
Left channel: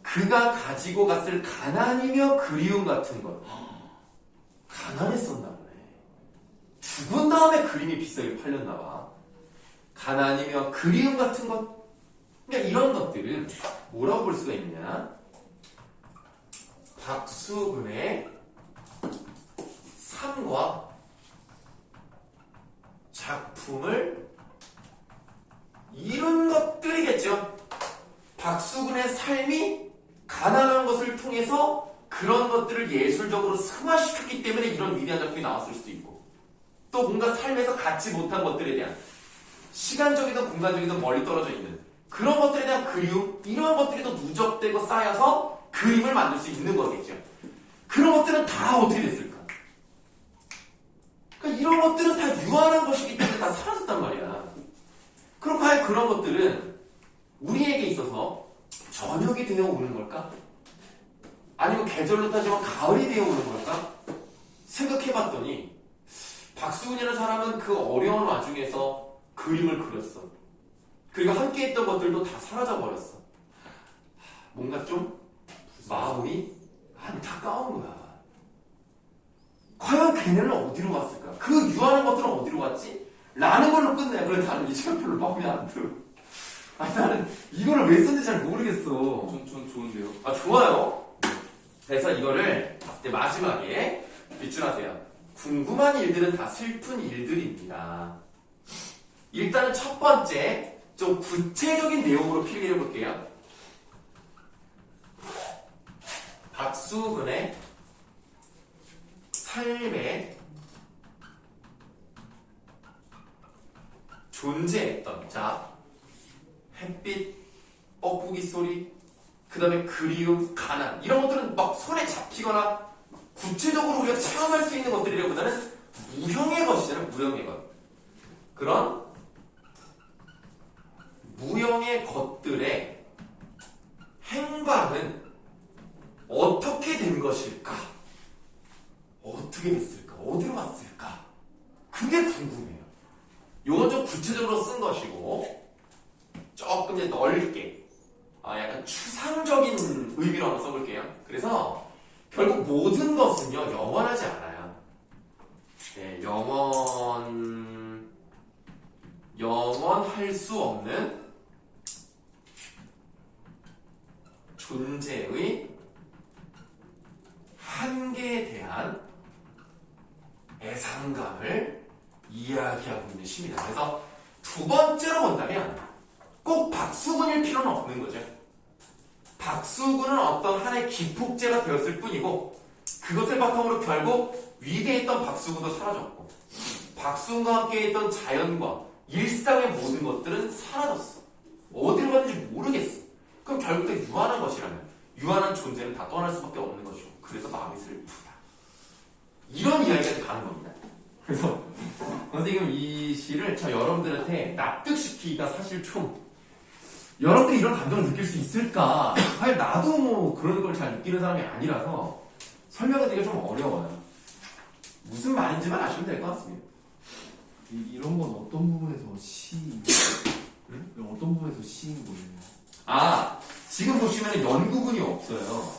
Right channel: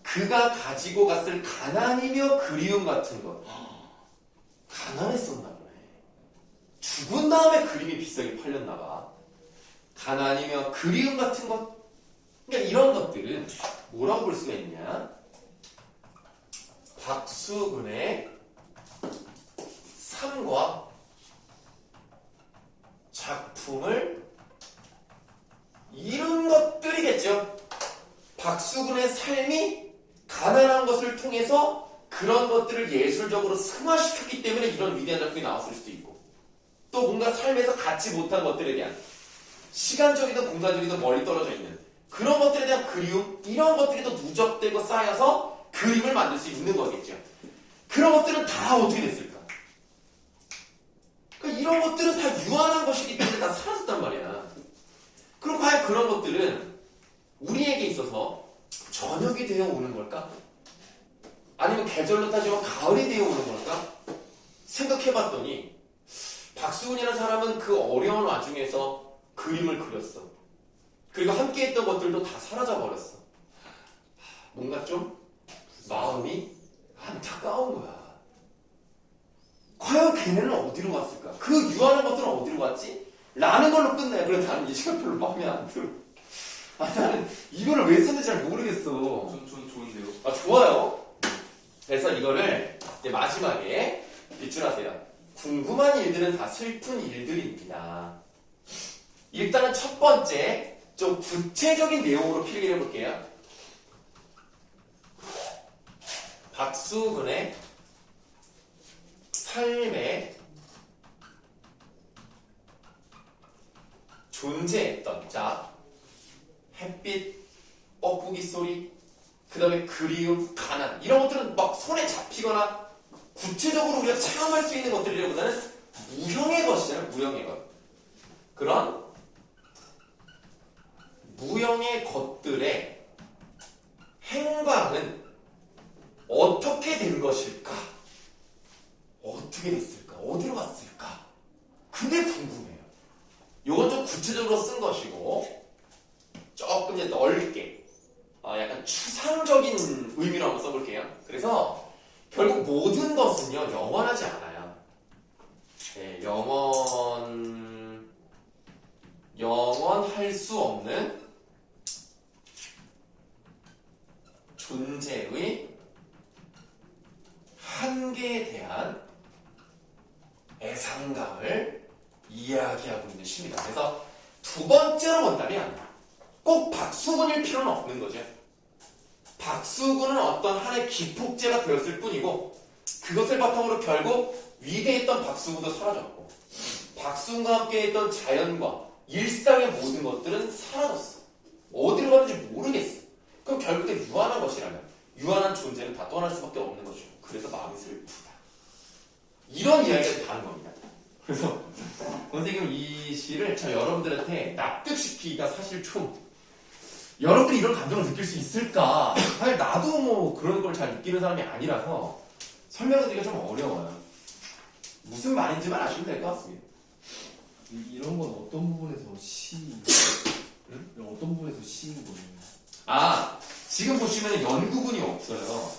그가 가지고 갔을 가난이며 그리움 같은 것. 가난했었나 보네. 죽은 다음에 그림이 비싸게 팔렸나 봐. 가난이며 그리움 같은 것. 그러니까 이런 것들은 뭐라고 볼 수가 있냐? 박수근의 삶과 작품을 이룬 것들이겠죠. 박수근의 삶이 가난한 것을 통해서 그런 것들을 예술적으로 승화시켰기 때문에 이런 위대한 작품이 나왔을 수도 있고 또 뭔가 삶에서 갖지 못한 것들에 대한 시간적이든 공간적이든 멀리 떨어져 있는 그런 것들에 대한 그리움 이런 것들이 더 누적되고 쌓여서 그림을 만들 수 있는 거겠죠. 그런 것들은 다 어떻게 됐을까? 그러니까 이런 것들은 다 유한한 것이기 때문에 다 사라졌단 말이야. 그럼 과연 그런 것들은 우리에게 있어서 저녁이 되어 오는 걸까? 아니면 계절로 따지면 가을이 되어 오는 걸까? 생각해봤더니 박수근이라는 사람은 그 어려운 와중에서 그림을 그렸어. 그리고 함께 했던 것들도 다 사라져버렸어. 뭔가 좀 마음이 안타까운 거야. 과연 걔네는 어디로 갔을까? 그 유한한 것들은 어디로 갔지? 라는 걸로 끝내. 그래서 나는 이 시간 별로 마음에 안 들어. 나는 이거를 왜 썼는지 잘 모르겠어. 좀 좋은데요. 좋아요. 그래서 이거를 이제 마지막에 빗줄하세요. 궁금한 일들은 다 슬픈 일들입니다. 일단은 첫 번째, 좀 구체적인 내용으로 필기해 볼게요. 박수근의 삶에 존재했던, 자, 햇빛, 뻐꾸기 소리, 그 다음에 그리움, 가난, 이런 것들은 막 손에 잡히거나 구체적으로 우리가 체험할 수 있는 것들이라기보다는 무형의 것이잖아요. 무형의 것. 그런 무형의 것들의 행방은 어떻게 된 것일까? 어떻게 됐을까? 어디로 갔을까? 그게 궁금해요. 이건 좀 구체적으로 쓴 것이고 조금 이제 넓게 약간 추상적인 의미로 한번 써볼게요. 그래서 결국 모든 것은요 영원하지 않아요. 네, 영원할 수 없는 존재의 한계에 대한 애상감을 이야기하고 있는 시입니다. 그래서 두 번째로 본다면 꼭 박수근일 필요는 없는 거죠. 박수근은 어떤 하나의 기폭제가 되었을 뿐이고 그것을 바탕으로 결국 위대했던 박수근도 사라졌고 박수근과 함께했던 자연과 일상의 모든 것들은 사라졌어. 어디로 갔는지 모르겠어. 그럼 결국 다 유한한 것이라면 유한한 존재는 다 떠날 수밖에 없는 것이고 그래서 마음이 슬프다. 이런 이야기가 가는 겁니다. 그래서 선생님 이 시를 저 여러분들한테 납득시키기가 사실 좀 여러분들이 이런 감정을 느낄 수 있을까? 사실 나도 뭐 그런 걸 잘 느끼는 사람이 아니라서 설명하기가 좀 어려워요. 무슨 말인지만 아시면 될 것 같습니다. 이런 건 어떤 부분에서 응? 어떤 부분에서 시인 거예요? 지금 보시면 연구분이 없어요.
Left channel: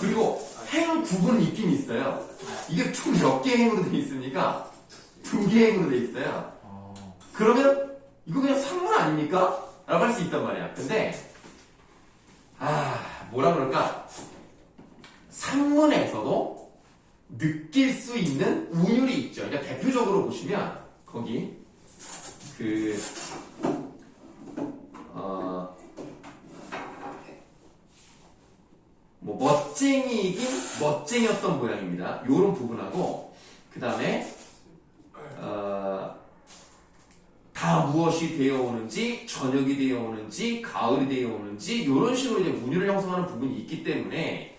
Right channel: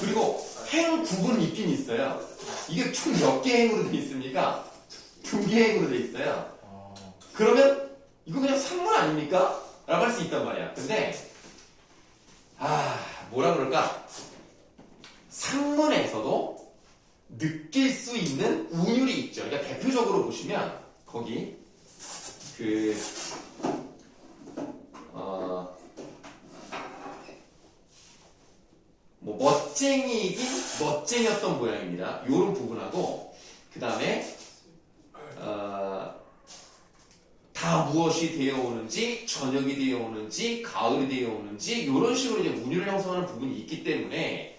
그리고 행 구분은 있긴 있어요. 이게 총 몇 개 행으로 되어 있습니까? 2개 행으로 되어 있어요. 그러면 이거 그냥 산문 아닙니까? 라고 할 수 있단 말이야. 근데 뭐라 그럴까? 산문에서도 느낄 수 있는 운율이 있죠. 그러니까 대표적으로 보시면 거기 멋쟁이이긴 멋쟁이였던 모양입니다. 요런 부분하고 그 다음에 다 무엇이 되어 오는지 저녁이 되어 오는지 가을이 되어 오는지 이런 식으로 이제 운율을 형성하는 부분이 있기 때문에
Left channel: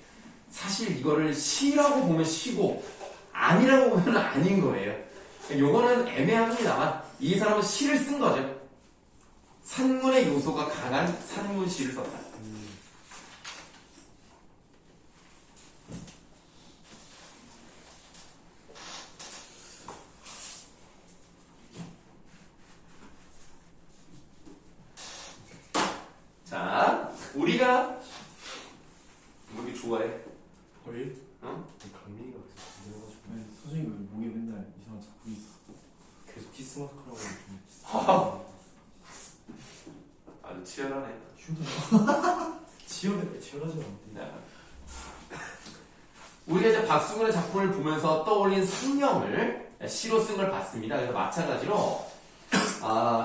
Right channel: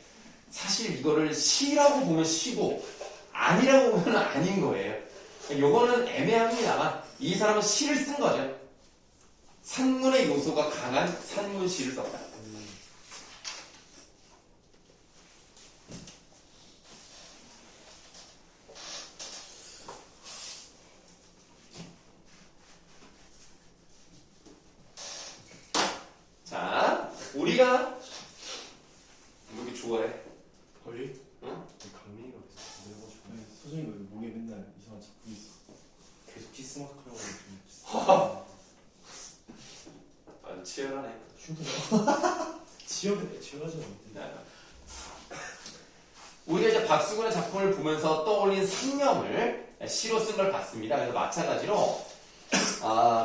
사실 이거를 시라고 보면 시고 아니라고 보면 아닌 거예요. 요거는 애매합니다만 이 사람은 시를 쓴 거죠. 산문의 요소가 강한 산문시를 썼다. 자, 우리가 뭐 이렇게 좋아해? 저희? 응? 강민이가 계속 건드려가지고 아니, 소정이 왜 목에 맨날 이상한 잡고 있어? 계속 키스마크라고 좀 아주 치열하네. 치열하지 않대. 네. 우리가 이제 박수근의 작품을 보면서 떠올린 상념을 시로 쓴 걸 봤습니다. 그래서 마찬가지로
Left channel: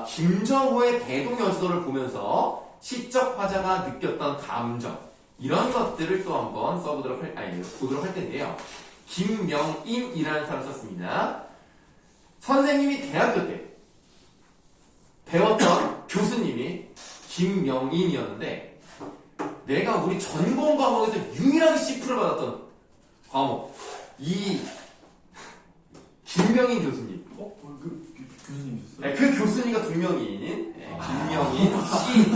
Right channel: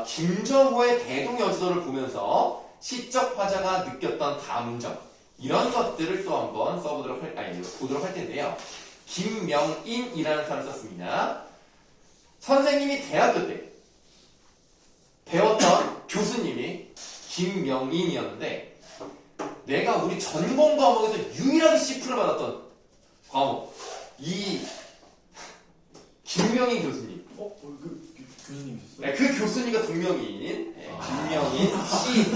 김정호의 대동여지도를 보면서 시적 화자가 느꼈던 감정 이런 것들을 또 한번 보도록 할 텐데요. 김명인이라는 사람을 썼습니다. 선생님이 대학교 때 배웠던 교수님이 김명인이었는데 내가 우리 전공 과목에서 유일하게 C프를 받았던 과목 이 김명인 교수님. 교수님이셨어요? 네, 그 교수님과 동명이인 김명인 씨.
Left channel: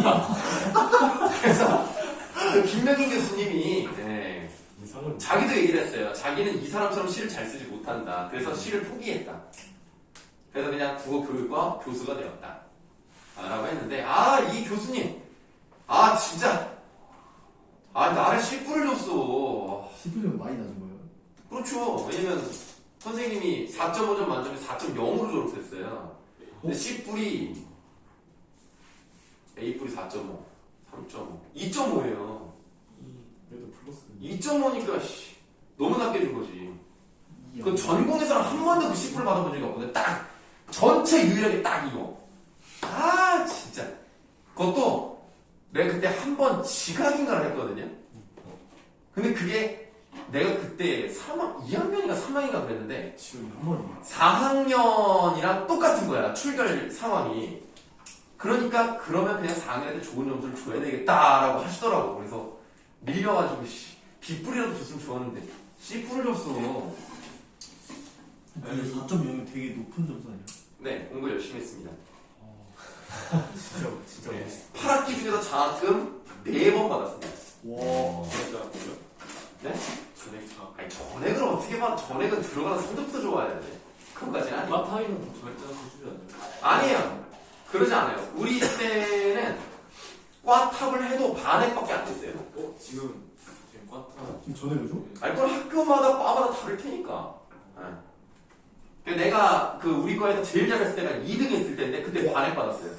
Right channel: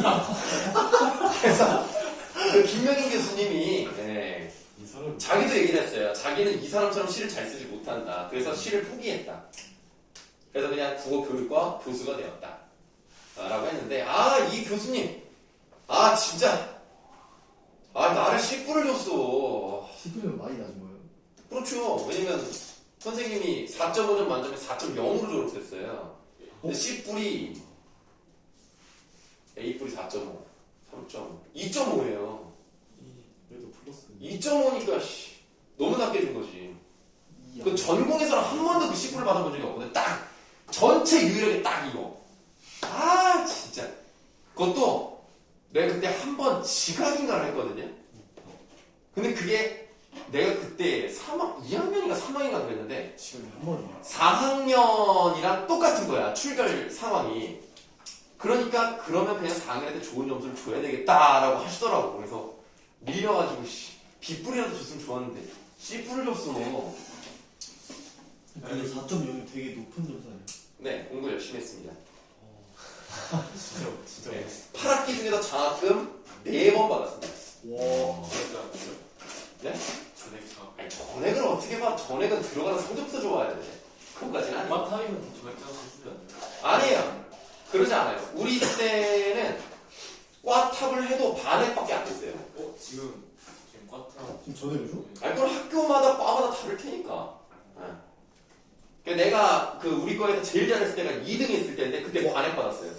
그래서 그 김명인 교수님이 이상한. 자기도 얘기를 했어요. 자기는 이 사람처럼 시를 잘 쓰지 못한다. 그래서 시를 포기했다. 그래서 그냥 국어 교육과 교수가 되었다. 라고 했는데, 이 교수님, 진짜, 나를 씨뿔을 줬어. 10분이면 많이 낮은 거예요? 그렇죠. 왜냐면 선생님이 4.5점 만점에 4.0으로 졸업했어요. 근데 C뿔이 A뿔이 4.5, 3.5, 2.5예요. 그래도 플러스. 2.5니까 너무 낮게 준 거지. 그 전공에서는 한 번도 그 C뿔을 받아본 적이 없거든. 딱 전체 유일하게 딱 이거. 진짜. 그것도 내가 그때 한 번 지각인가를 했거든요. 근데 그게 내가 그때 2학년인가 3학년인가 그랬는데 지금 한 번이요. 4학년이랑 똑같은 거야. 출결 상황이. 그러니까 그러면 그냥 4학년 때 좋은 점수를 줘야 되겠다라고 하시더라고. 그래서 밀려가지고 B뿔이라도 줬으면 좋았는데 C뿔을 줬어. 근데 4.0은 되게 높은 점수 아니에요? 네, 공부 열심히 했습니다. 진짜 네, 멋있어. 8학기 중에서 장학금 4번 받았습니다. 와. 진짜 네? 전액 다. 아니, 전액을 어떻게 봐? 전액은 들어가서 성적부터 좋아야 돼. 그것까지는 아니에요. 마타임은 전액자가 주지 않나요? 아니에요. 그러지 않아요. 우리 때는 꽈탑을 해도 반액밖에 안 됐어요. 지금 꽈타. 지금 전액을 줘? 아니, 그건 학교마다 과마다 다를 테니까. 내가 우리 과에서 제일 잘했을 때가 2등 했을 때인데 그때 반액 받았어요.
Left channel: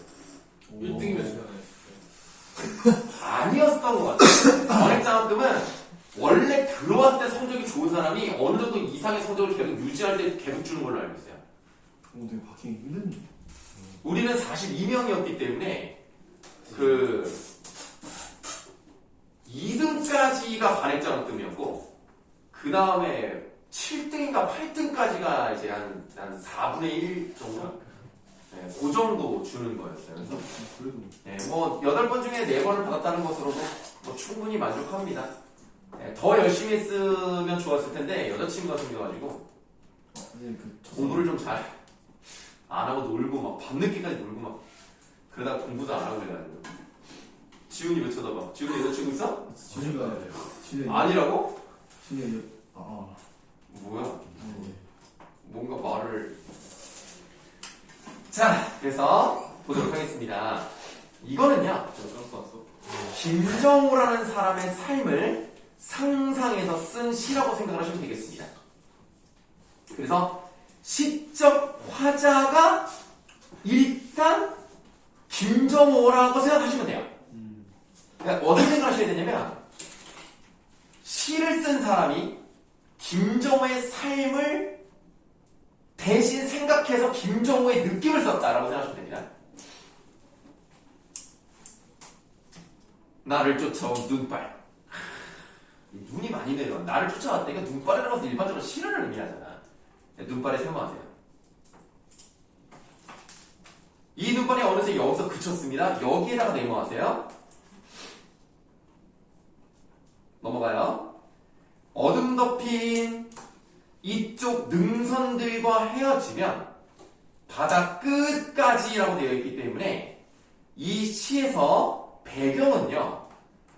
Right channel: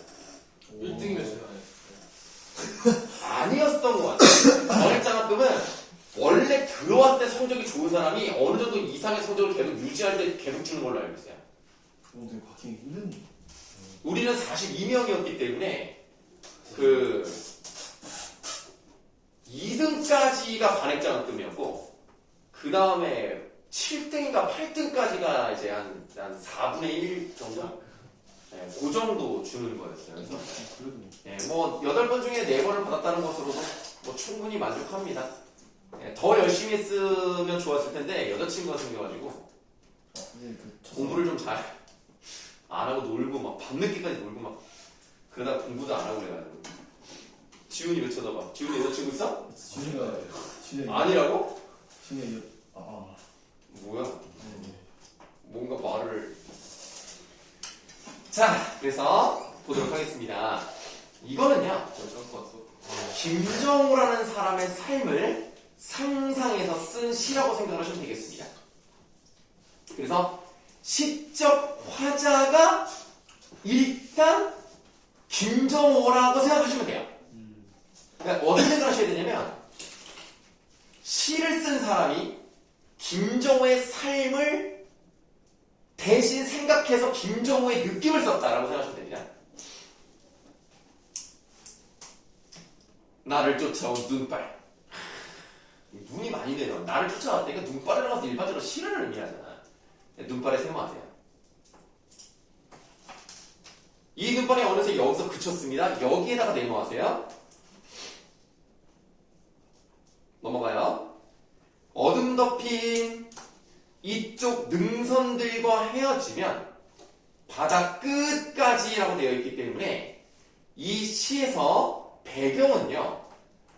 1등이면 진짜. 아니었던 것 같아요. 전액 장학금은 원래 들어왔을 때 성적이 좋은 사람이 어느 정도 이상의 성적을 계속 유지할 때 계속 주는 걸로 알고 있어요. 되게 받기 힘든. 우리는 42명이었기 때문에 2등까지가 반액 장학금이었고 그 다음에 7등인가 8등까지가 이제 한 4분의 1 정도? 네, 그 정도 주는 거였어요. 그래서 그래도 네, 8번 중에 4번을 받았다는 것으로도 충분히 만족합니다. 네, 더 열심히 했으면 좋았을 텐데 여자친구가 생겨가지고 이제 공부를 좀 잘 안 하고 놀고 막 밤늦게까지 놀고 막 그러다 공부도 안 하고 그래가지고 지훈이 왜 쳐다봐? 지훈이 여자친구 있어? 진짜 아니라고? 진짜 뭐야? 네. 뭔가 말을 자 그래서 보도록 하겠습니다. 이거는요 김정우라는 사람의 삶을 상상해서 쓴 시라고 생각을 하시면 되겠습니다. 그래서 시적 화자가 일단 김정호라고 생각하시면 돼요. 그러니까 어떻게 생각하셔야 되냐면 시를 쓴 사람이 김정호의 삶을 대신 생각해서 김정호의 느낌을 썼다라고 생각하시면 됩니다. 나를 쫓아온 눈발. 눈이 많이 내려. 나를 쫓아왔다니까 눈발이라고 해서 일반적으로 시를 의미하잖아. 눈발에 세모하세요. 이 눈발이 어느새 여기서 그쳤습니다. 여기에다가 네모하세요. 넘어가요. 어둠 덮인 이쪽 능선들과 헤어지면 바다 끝까지라고 되어 있기 때문에 이 시에서 배경은요.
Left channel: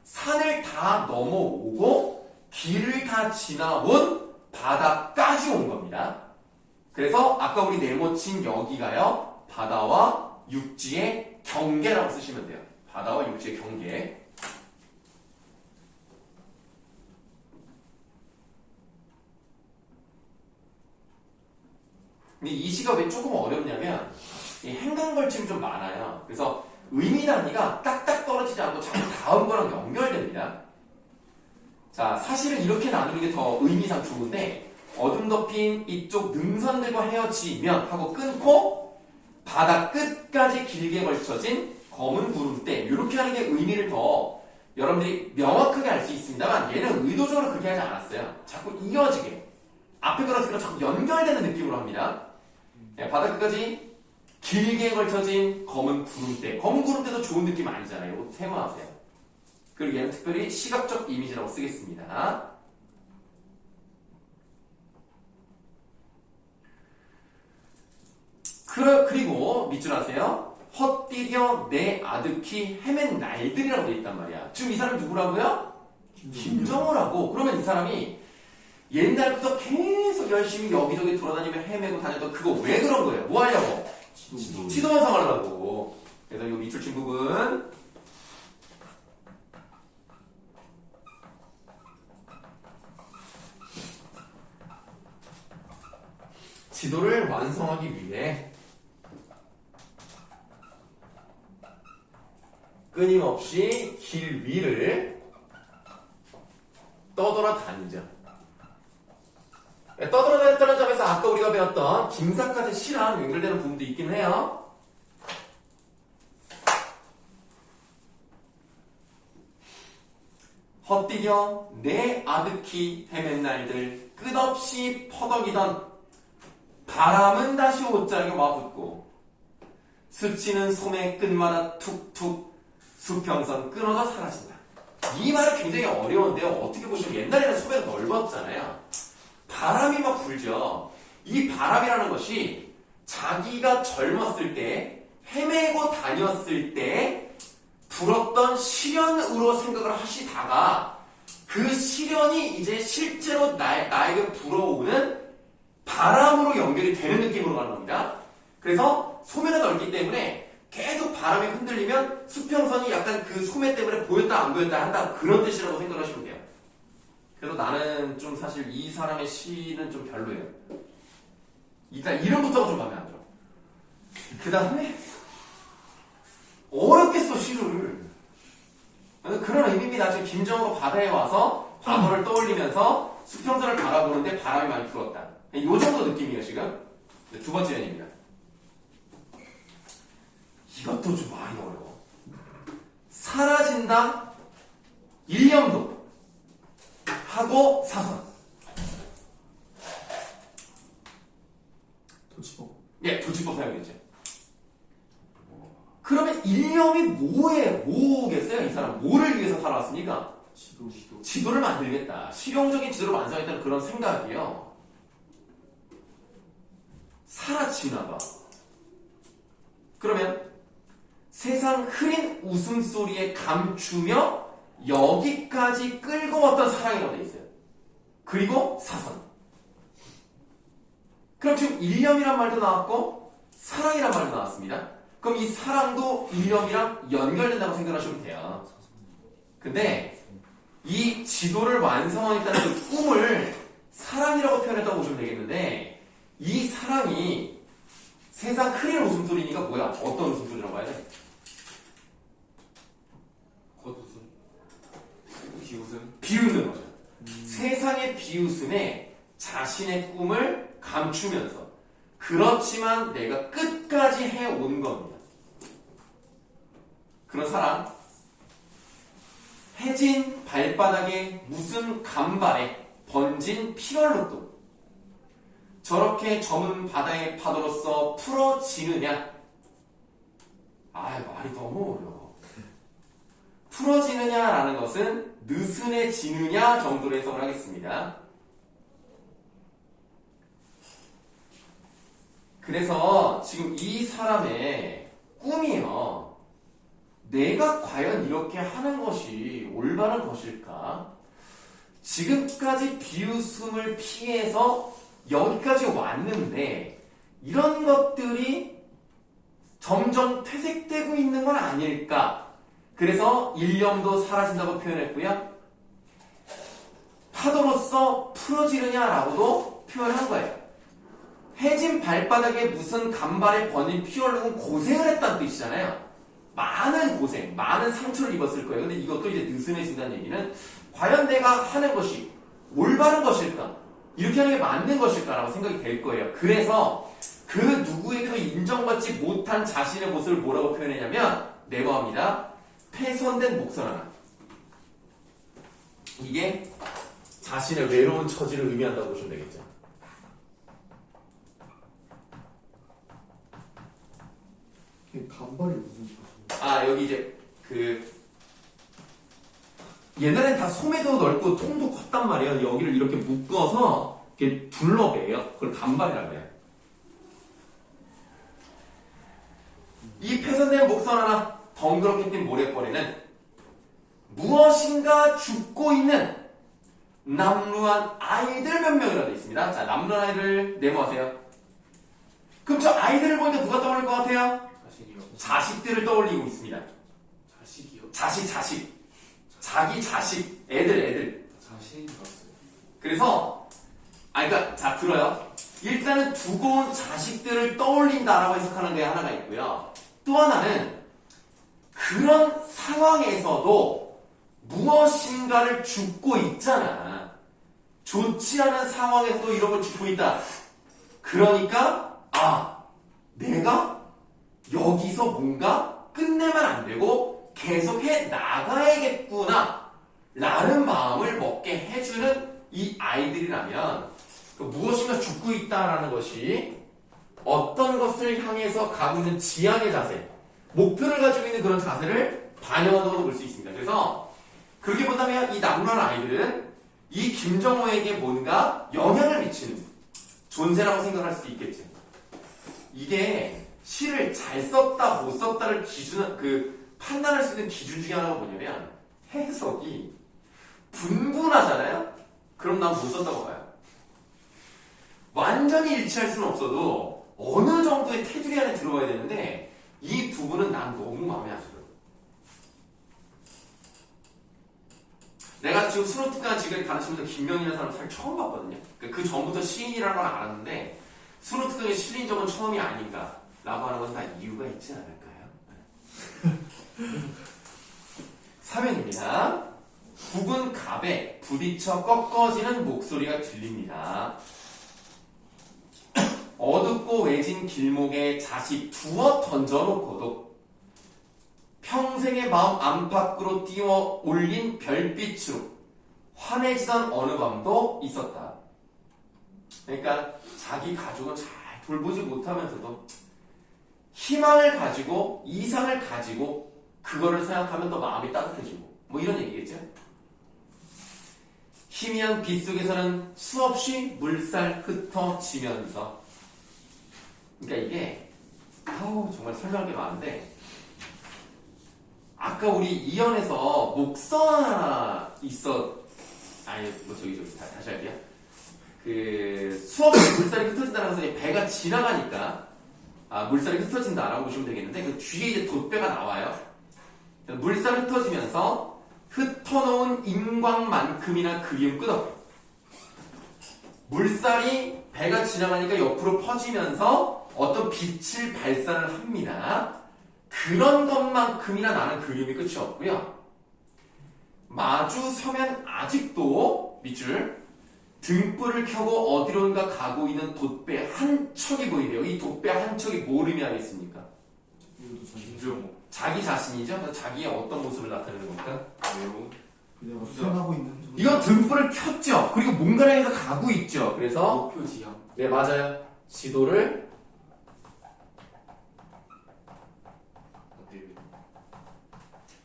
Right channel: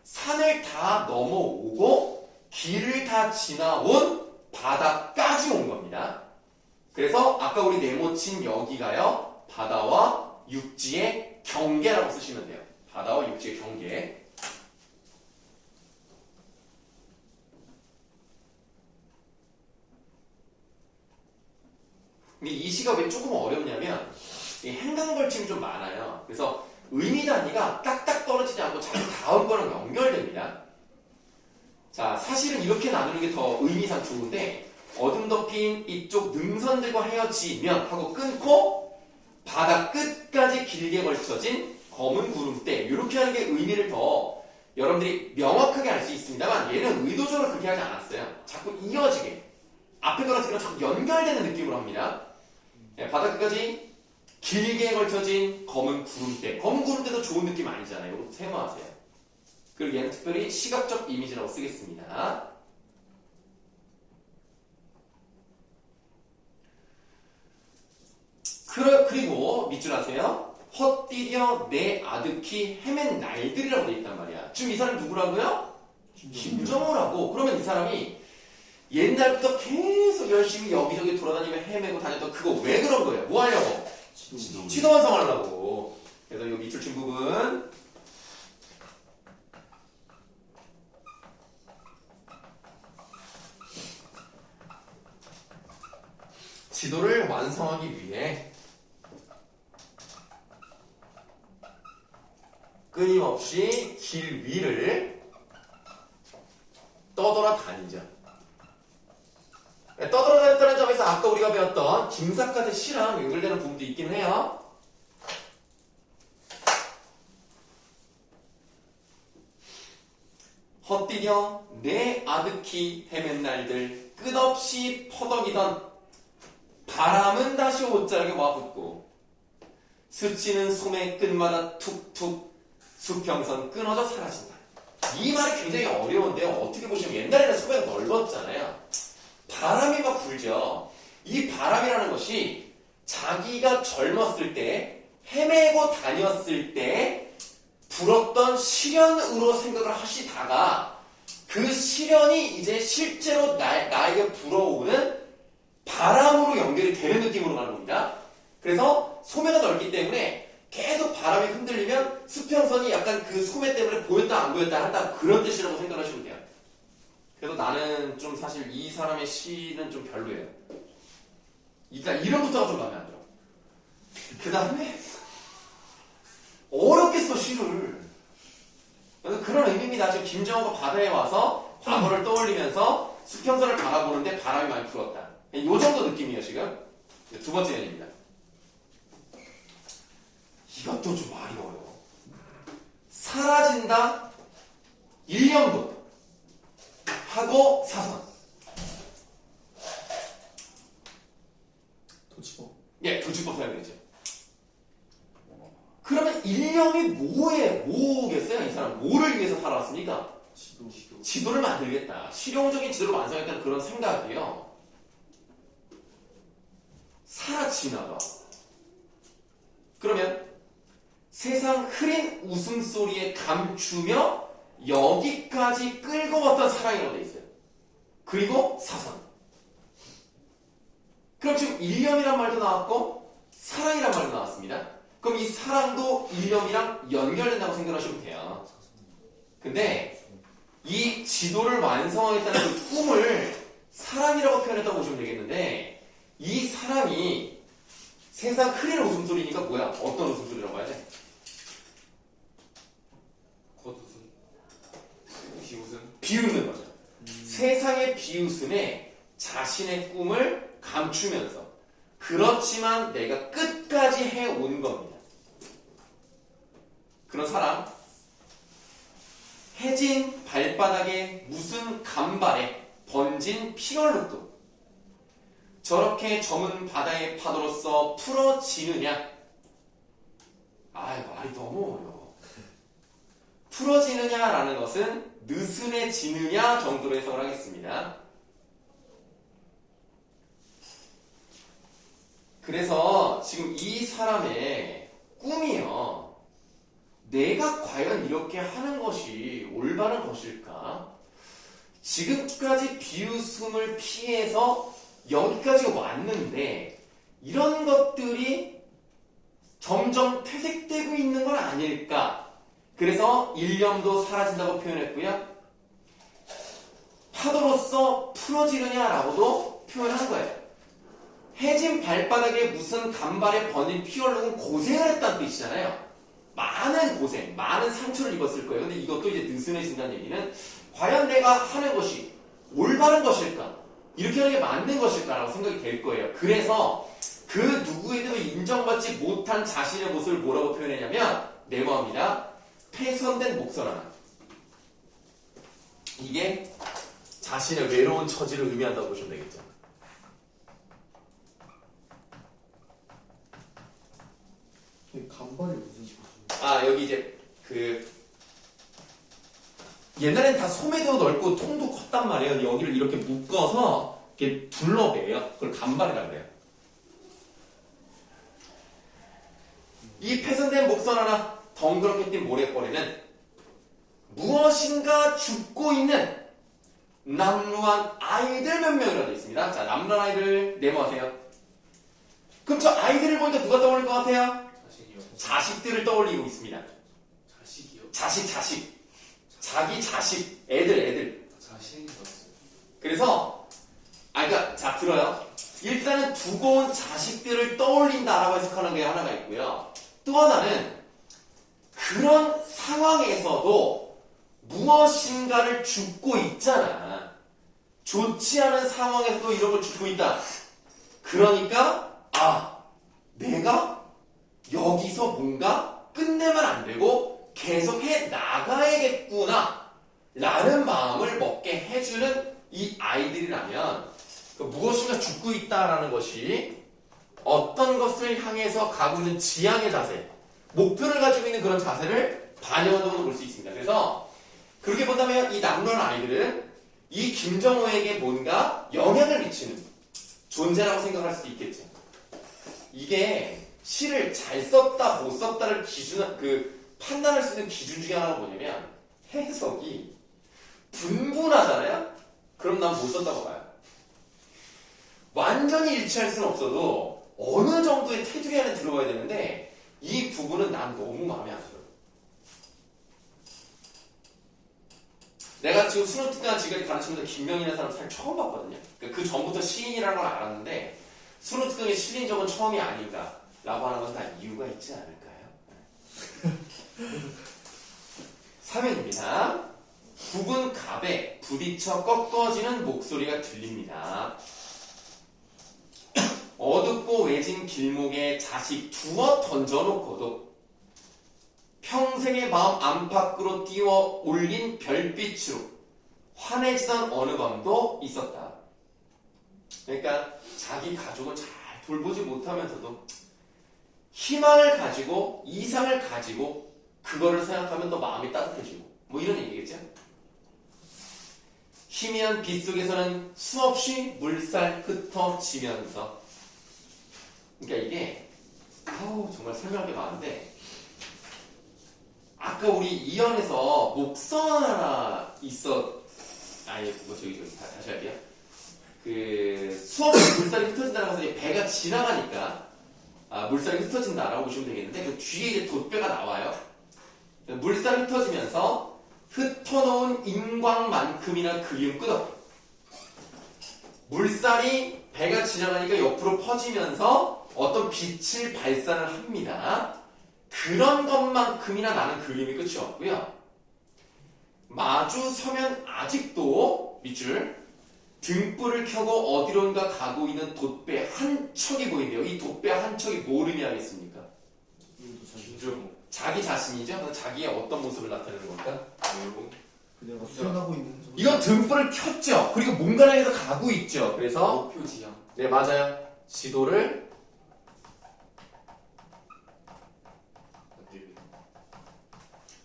산을 다 넘어오고 길을 다 지나온 바다까지 온 겁니다. 그래서 아까 우리 네모친 여기가요. 바다와 육지의 경계라고 쓰시면 돼요. 바다와 육지의 경계. 근데 이 시가 왜 조금 어렵냐면 이 행간걸침이 좀 많아요. 그래서 의미 단위가 딱딱 떨어지지 않고 자꾸 다음 거랑 연결됩니다. 자, 사실은 이렇게 나누는 게 더 의미상 좋은데 어둠 덮인 이쪽 능선들과 헤어지면 하고 끊고 바다 끝까지 길게 걸쳐진 검은 구름대 이렇게 하는 게 의미를 더 여러분들이 명확하게 알 수 있습니다만 얘는 의도적으로 그렇게 하지 않았어요. 자꾸 이어지게 앞에 거랑 뒤로 자꾸 연결되는 느낌으로 합니다. 네, 바다 끝까지 길게 걸쳐진 검은 구름대. 검은 구름대도 좋은 느낌 아니잖아요. 세모하세요. 그리고 얘는 특별히 시각적 이미지라고 쓰겠습니다. 그리고 밑줄 하세요. 헛디뎌 내 아득히 헤맨 날들이라고 되어 있단 말이야. 지금 이 사람이 누구라고요? 김정호라고. 그러면 이 사람이 옛날부터 계속 열심히 여기저기 돌아다니며 헤매고 다녔던 그거 왜 그런 거예요? 뭐 하려고? 지도 완성하려고. 그래서 이 밑줄 친 부분 지도를 완성하기 위해 끊임없이 길 위를 떠돌아다니자. 떠돌아다녔다는 점에서 아까 우리가 배웠던 김삿갓의 시랑 연결되는 부분도 있긴 해요. 헛디뎌 내 아득히 헤맨 날들 끝없이 퍼덕이던 바람은 다시 옷자락에 와붙고 스치는 소매 끝마다 툭툭 수평선 끊어져 사라진다. 이 말이 굉장히 어려운데요. 어떻게 보시면 옛날에는 소매가 넓었잖아요. 바람이 막 불죠. 이 바람이라는 것이 자기가 젊었을 때 헤매고 다녔을 때 불었던 시련으로 생각을 하시다가 그 시련이 이제 실제로 나에게 불어오는 바람으로 연결이 되는 느낌으로 가는 겁니다. 그래서 소매가 넓기 때문에 계속 바람이 흔들리면 수평선이 약간 그 소매 때문에 보였다 안 보였다 한다 그런 뜻이라고 생각하시면 돼요. 그래서 나는 좀 사실 이 사람의 시는 좀 별로예요. 일단 이름부터가 좀 마음에 안 들어. 그 다음에 어렵게 써 시를. 그런 의미입니다. 지금 김정호가 바다에 와서 과거를 떠올리면서 수평선을 바라보는데 바람이 많이 불었다. 이 정도 느낌이에요 지금. 두 번째 연입니다. 이것도 좀 말이 어려워. 사라진다 1년도 하고 사선. 도치법. 예, 도치법 사용되죠. 그러면 일념이 뭐겠어요? 이 사람 뭐를 위해서 살아왔습니까? 지도를 만들겠다. 실용적인 지도를 완성했다는 그런 생각이에요. 사라지나 봐. 그러면 세상 흐린 웃음소리에 감추며 여기까지 끌고 왔던 사랑이라고 되어 있어요. 그리고 사선. 그럼 지금 일념이란 말도 나왔고 사랑이란 말도 나왔습니다. 그럼 이 사랑도 일념이랑 연결된다고 생각하시면 돼요. 근데 이 지도를 완성하겠다는 그 꿈을 사랑이라고 표현했다고 보시면 되겠는데 이 사랑이 세상 흐린 웃음소리니까 뭐야? 어떤 웃음소리라고 해야 돼? 겉웃음 비웃음 비웃는 거죠. 세상의 비웃음에 자신의 꿈을 감추면서 그렇지만 내가 끝까지 해온 겁니다. 그런 사람 해진 발바닥에 무슨 간발에 번진 피얼룩도 저렇게 저문 바다의 파도로서 풀어지느냐? 말이 너무 어려워. 풀어지느냐라는 것은 느슨해지느냐 정도로 해석을 하겠습니다. 그래서 지금 이 사람의 꿈이요. 내가 과연 이렇게 하는 것이 올바른 것일까? 지금까지 비웃음을 피해서 여기까지 왔는데 이런 것들이 점점 퇴색되고 있는 건 아닐까? 그래서 일념도 사라진다고 표현했고요. 파도로서 풀어지느냐라고도 표현한 거예요. 해진 발바닥에 무슨 간발에 번진 피얼룩은 고생을 했다는 뜻이잖아요. 많은 고생, 많은 상처를 입었을 거예요. 근데 이것도 이제 느슨해진다는 얘기는 과연 내가 하는 것이 올바른 것일까? 이렇게 하는 게 맞는 것일까라고 생각이 될 거예요. 그래서 그 누구에게도 인정받지 못한 자신의 모습을 뭐라고 표현했냐면 네모합니다. 폐선된 목선 하나. 이게 자신의 외로운 처지를 의미한다고 보시면 되겠죠. 간발이 무슨 소리야? 여기 이제 옛날엔 다 소매도 넓고 통도 컸단 말이에요. 여기를 이렇게 묶어서 이렇게 둘러매요. 그걸 간발이라고 해요. 이 폐선된 목선 하나 덩그렇게 띈 모래벌이는 무엇인가 죽고 있는 남루한 아이들 몇 명이라고 되어 있습니다. 자, 남루한 아이들 네모하세요. 그럼 저 아이들을 보니까 누가 떠오를 것 같아요? 자신이요. 자식들을 떠올리고 있습니다. 자식이요. 자식. 자기 자식, 애들. 자신인 줄 알았어요. 그래서, 그러니까, 자, 들어요. 일단은 두고 온 자식들을 떠올린다라고 해석하는 게 하나가 있고요. 또 하나는, 그런 상황에서도 무엇인가를 줍고 있잖아. 좋지 않은 상황에서도 이런 걸 줍고 있다. 그러니까, 내가 여기서 뭔가 끝내면 안 되고 계속 해 나가야겠구나 라는 마음을 먹게 해주는 이 아이들이라면 무엇인가 죽고 있다라는 것이 어떤 것을 향해서 가고 있는 지향의 자세, 목표를 가지고 있는 그런 자세를 반영한다고 볼 수 있습니다. 그래서 그렇게 본다면 이 남루한 아이들은 이 김정호에게 뭔가 영향을 미치는 존재라고 생각할 수도 있겠죠. 이게 시를 잘 썼다 못 썼다를 판단할 수 있는 기준 중에 하나가 뭐냐면 해석이 분분하잖아요. 그럼 난 못 썼다고 봐요. 완전히 일치할 수는 없어도 어느 정도의 테두리 안에 들어가야 되는데 이 부분은 난 너무 마음에 안 들어요. 내가 지금 수능특강 지금까지 가르치면서 김명이라는 사람 사실 처음 봤거든요. 그 전부터 시인이라는 걸 알았는데 수능특강에 실린 적은 처음이 아닌가 라고 하는 건 다 이유가 있지 않을까요? 3회입니다. 굽은 갑에 부딪혀 꺾어지는 목소리가 들립니다. 어둡고 외진 길목에 자식 두어 던져놓고도 평생의 마음 안팎으로 띄워 올린 별빛으로 환해지던 어느 밤도 있었다. 그러니까 자기 가족은 잘 돌보지 못하면서도 희망을 가지고 이상을 가지고 그거를 생각하면 더 마음이 따뜻해지고 뭐 이런 얘기겠죠. 희미한 빛 속에서는 수없이 물살 흩어지면서 그러니까 이게 정말 설명할 게 많은데 아까 우리 이연에서 목선 하나 다시 할게요. 수없이 물살이 흩어진다는 것은 배가 지나가니까 물살이 흩어진다라고 보시면 되겠는데 그 뒤에 이제 돛배가 나와요. 물살이 흩어지면서 흩어놓은 인광만큼이나 그리움 끝없고 물살이 배가 지나가니까 옆으로 퍼지면서 어떤 빛을 발산을 합니다. 그런 것만큼이나 나는 그림이 끝이 없고요. 마주 서면 아직도 밑줄 등불을 켜고 어디론가 가고 있는 돛배 한 척이 보이는데요. 이 돛배 한 척이 뭘 의미하겠습니까? 김정호. 자기 자신이죠. 자기의 어떤 모습을 나타내는 겁니까? 외모. 그냥 수행하고 있는 이건 등불을 켰죠. 그리고 뭔가를 해서 가고 있죠. 그래서 목표 지향. 네 맞아요. 지도를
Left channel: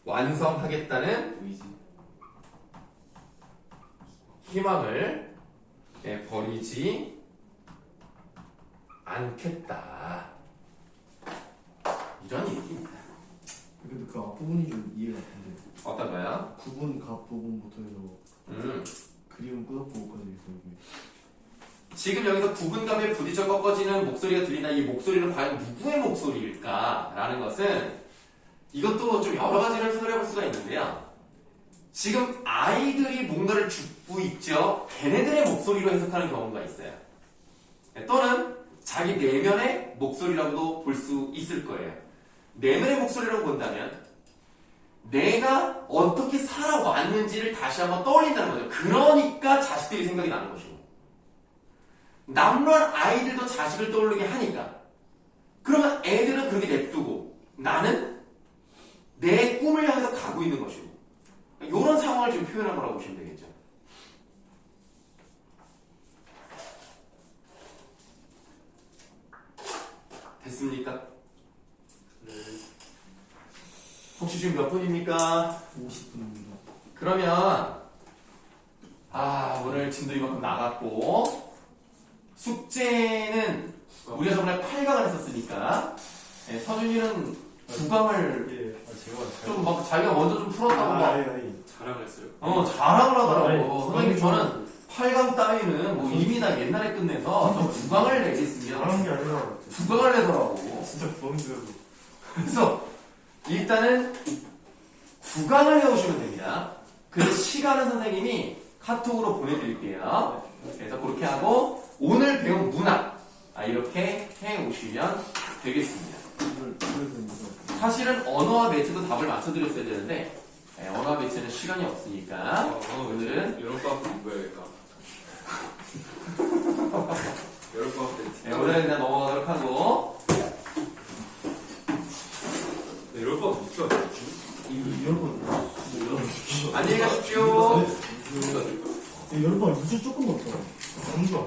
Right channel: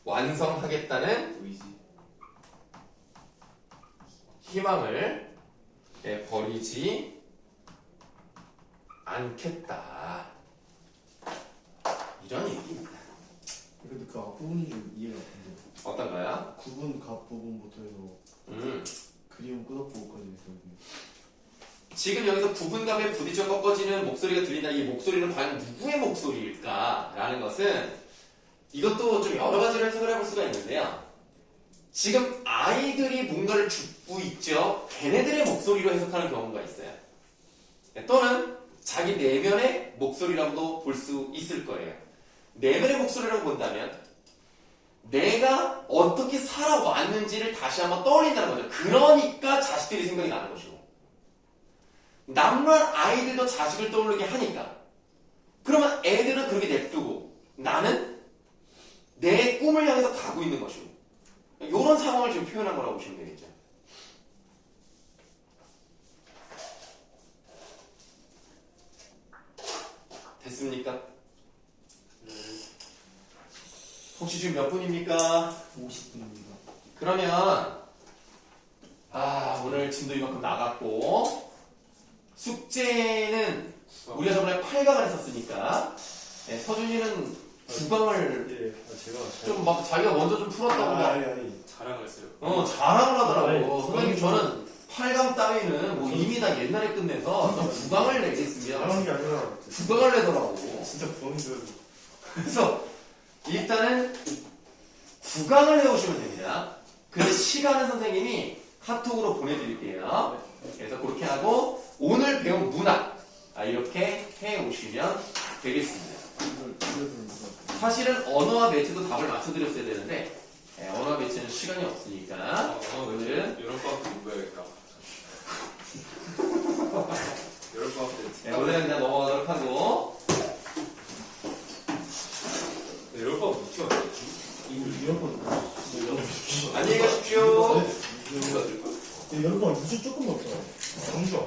완성하겠다는 의지. 희망을 버리지 않겠다. 이런 얘기입니다. 근데 그 앞부분이 좀 이해가 안 돼. 어떤가요? 9분 갑 부분부터 해서 그리움 끝없고까지 해서 지금 여기서 구분감에 부딪혀 꺾어지는 목소리가 들린다. 이 목소리는 과연 누구의 목소리일까라는 것은 이것도 좀 여러 가지로 해석을 해볼 수가 있는데요. 지금 아이들이 뭔가를 줍고 있죠. 걔네들의 목소리로 해석하는 경우가 있어요. 또는 자기 내면의 목소리라고도 볼 수 있을 거예요. 내면의 목소리라고 본다면 내가 어떻게 살아왔는지를 다시 한번 떠올린다는 거죠. 그러니까 자식들이 생각이 나는 것이고 남루한 아이들도 자식을 떠오르게 하니까 그러면 애들은 그렇게 냅두고 나는 내 꿈을 향해서 가고 있는 것이고 이런 상황을 지금 표현한 거라고 보시면 되겠죠. 됐습니까? 네. 혹시 지금 몇 분입니까? 50분입니다. 그러면 오늘 진도 이만큼 나갔고 숙제는 우리가 저번에 8강을 했었으니까 서준이는 구강을 예. 제가 좀 막 자기가 먼저 좀 풀었다고 막 자랑했어요. 자랑을 하더라고. 아니, 선생님 저는 8강 따위는 뭐 이미 다 옛날에 끝내서 저 구강을 내겠습니다. 잘하는 게 아니라 구강을 내더라고. 진짜 부엉이 들어요. 그래서 일단은 구강을 해오시면 됩니다. 그 시간은 선생님이 카톡으로 보내드릴게요. 그래서 그렇게 하고 오늘 배운 문학 이렇게 해오시면 되겠습니다. 이걸 보여드리는 거. 사실은 언어와 매체도 답을 맞춰드렸어야 되는데 언어와 매체는 시간이 없으니까 오늘은 여름방학 때 공부해야겠다. 여름방학 때. 오늘은 그냥 넘어가도록 하고 여름방학 못 줘. 이런 거. 안녕히 가십시오. 여름방 무슨 조금 없어요. 공주.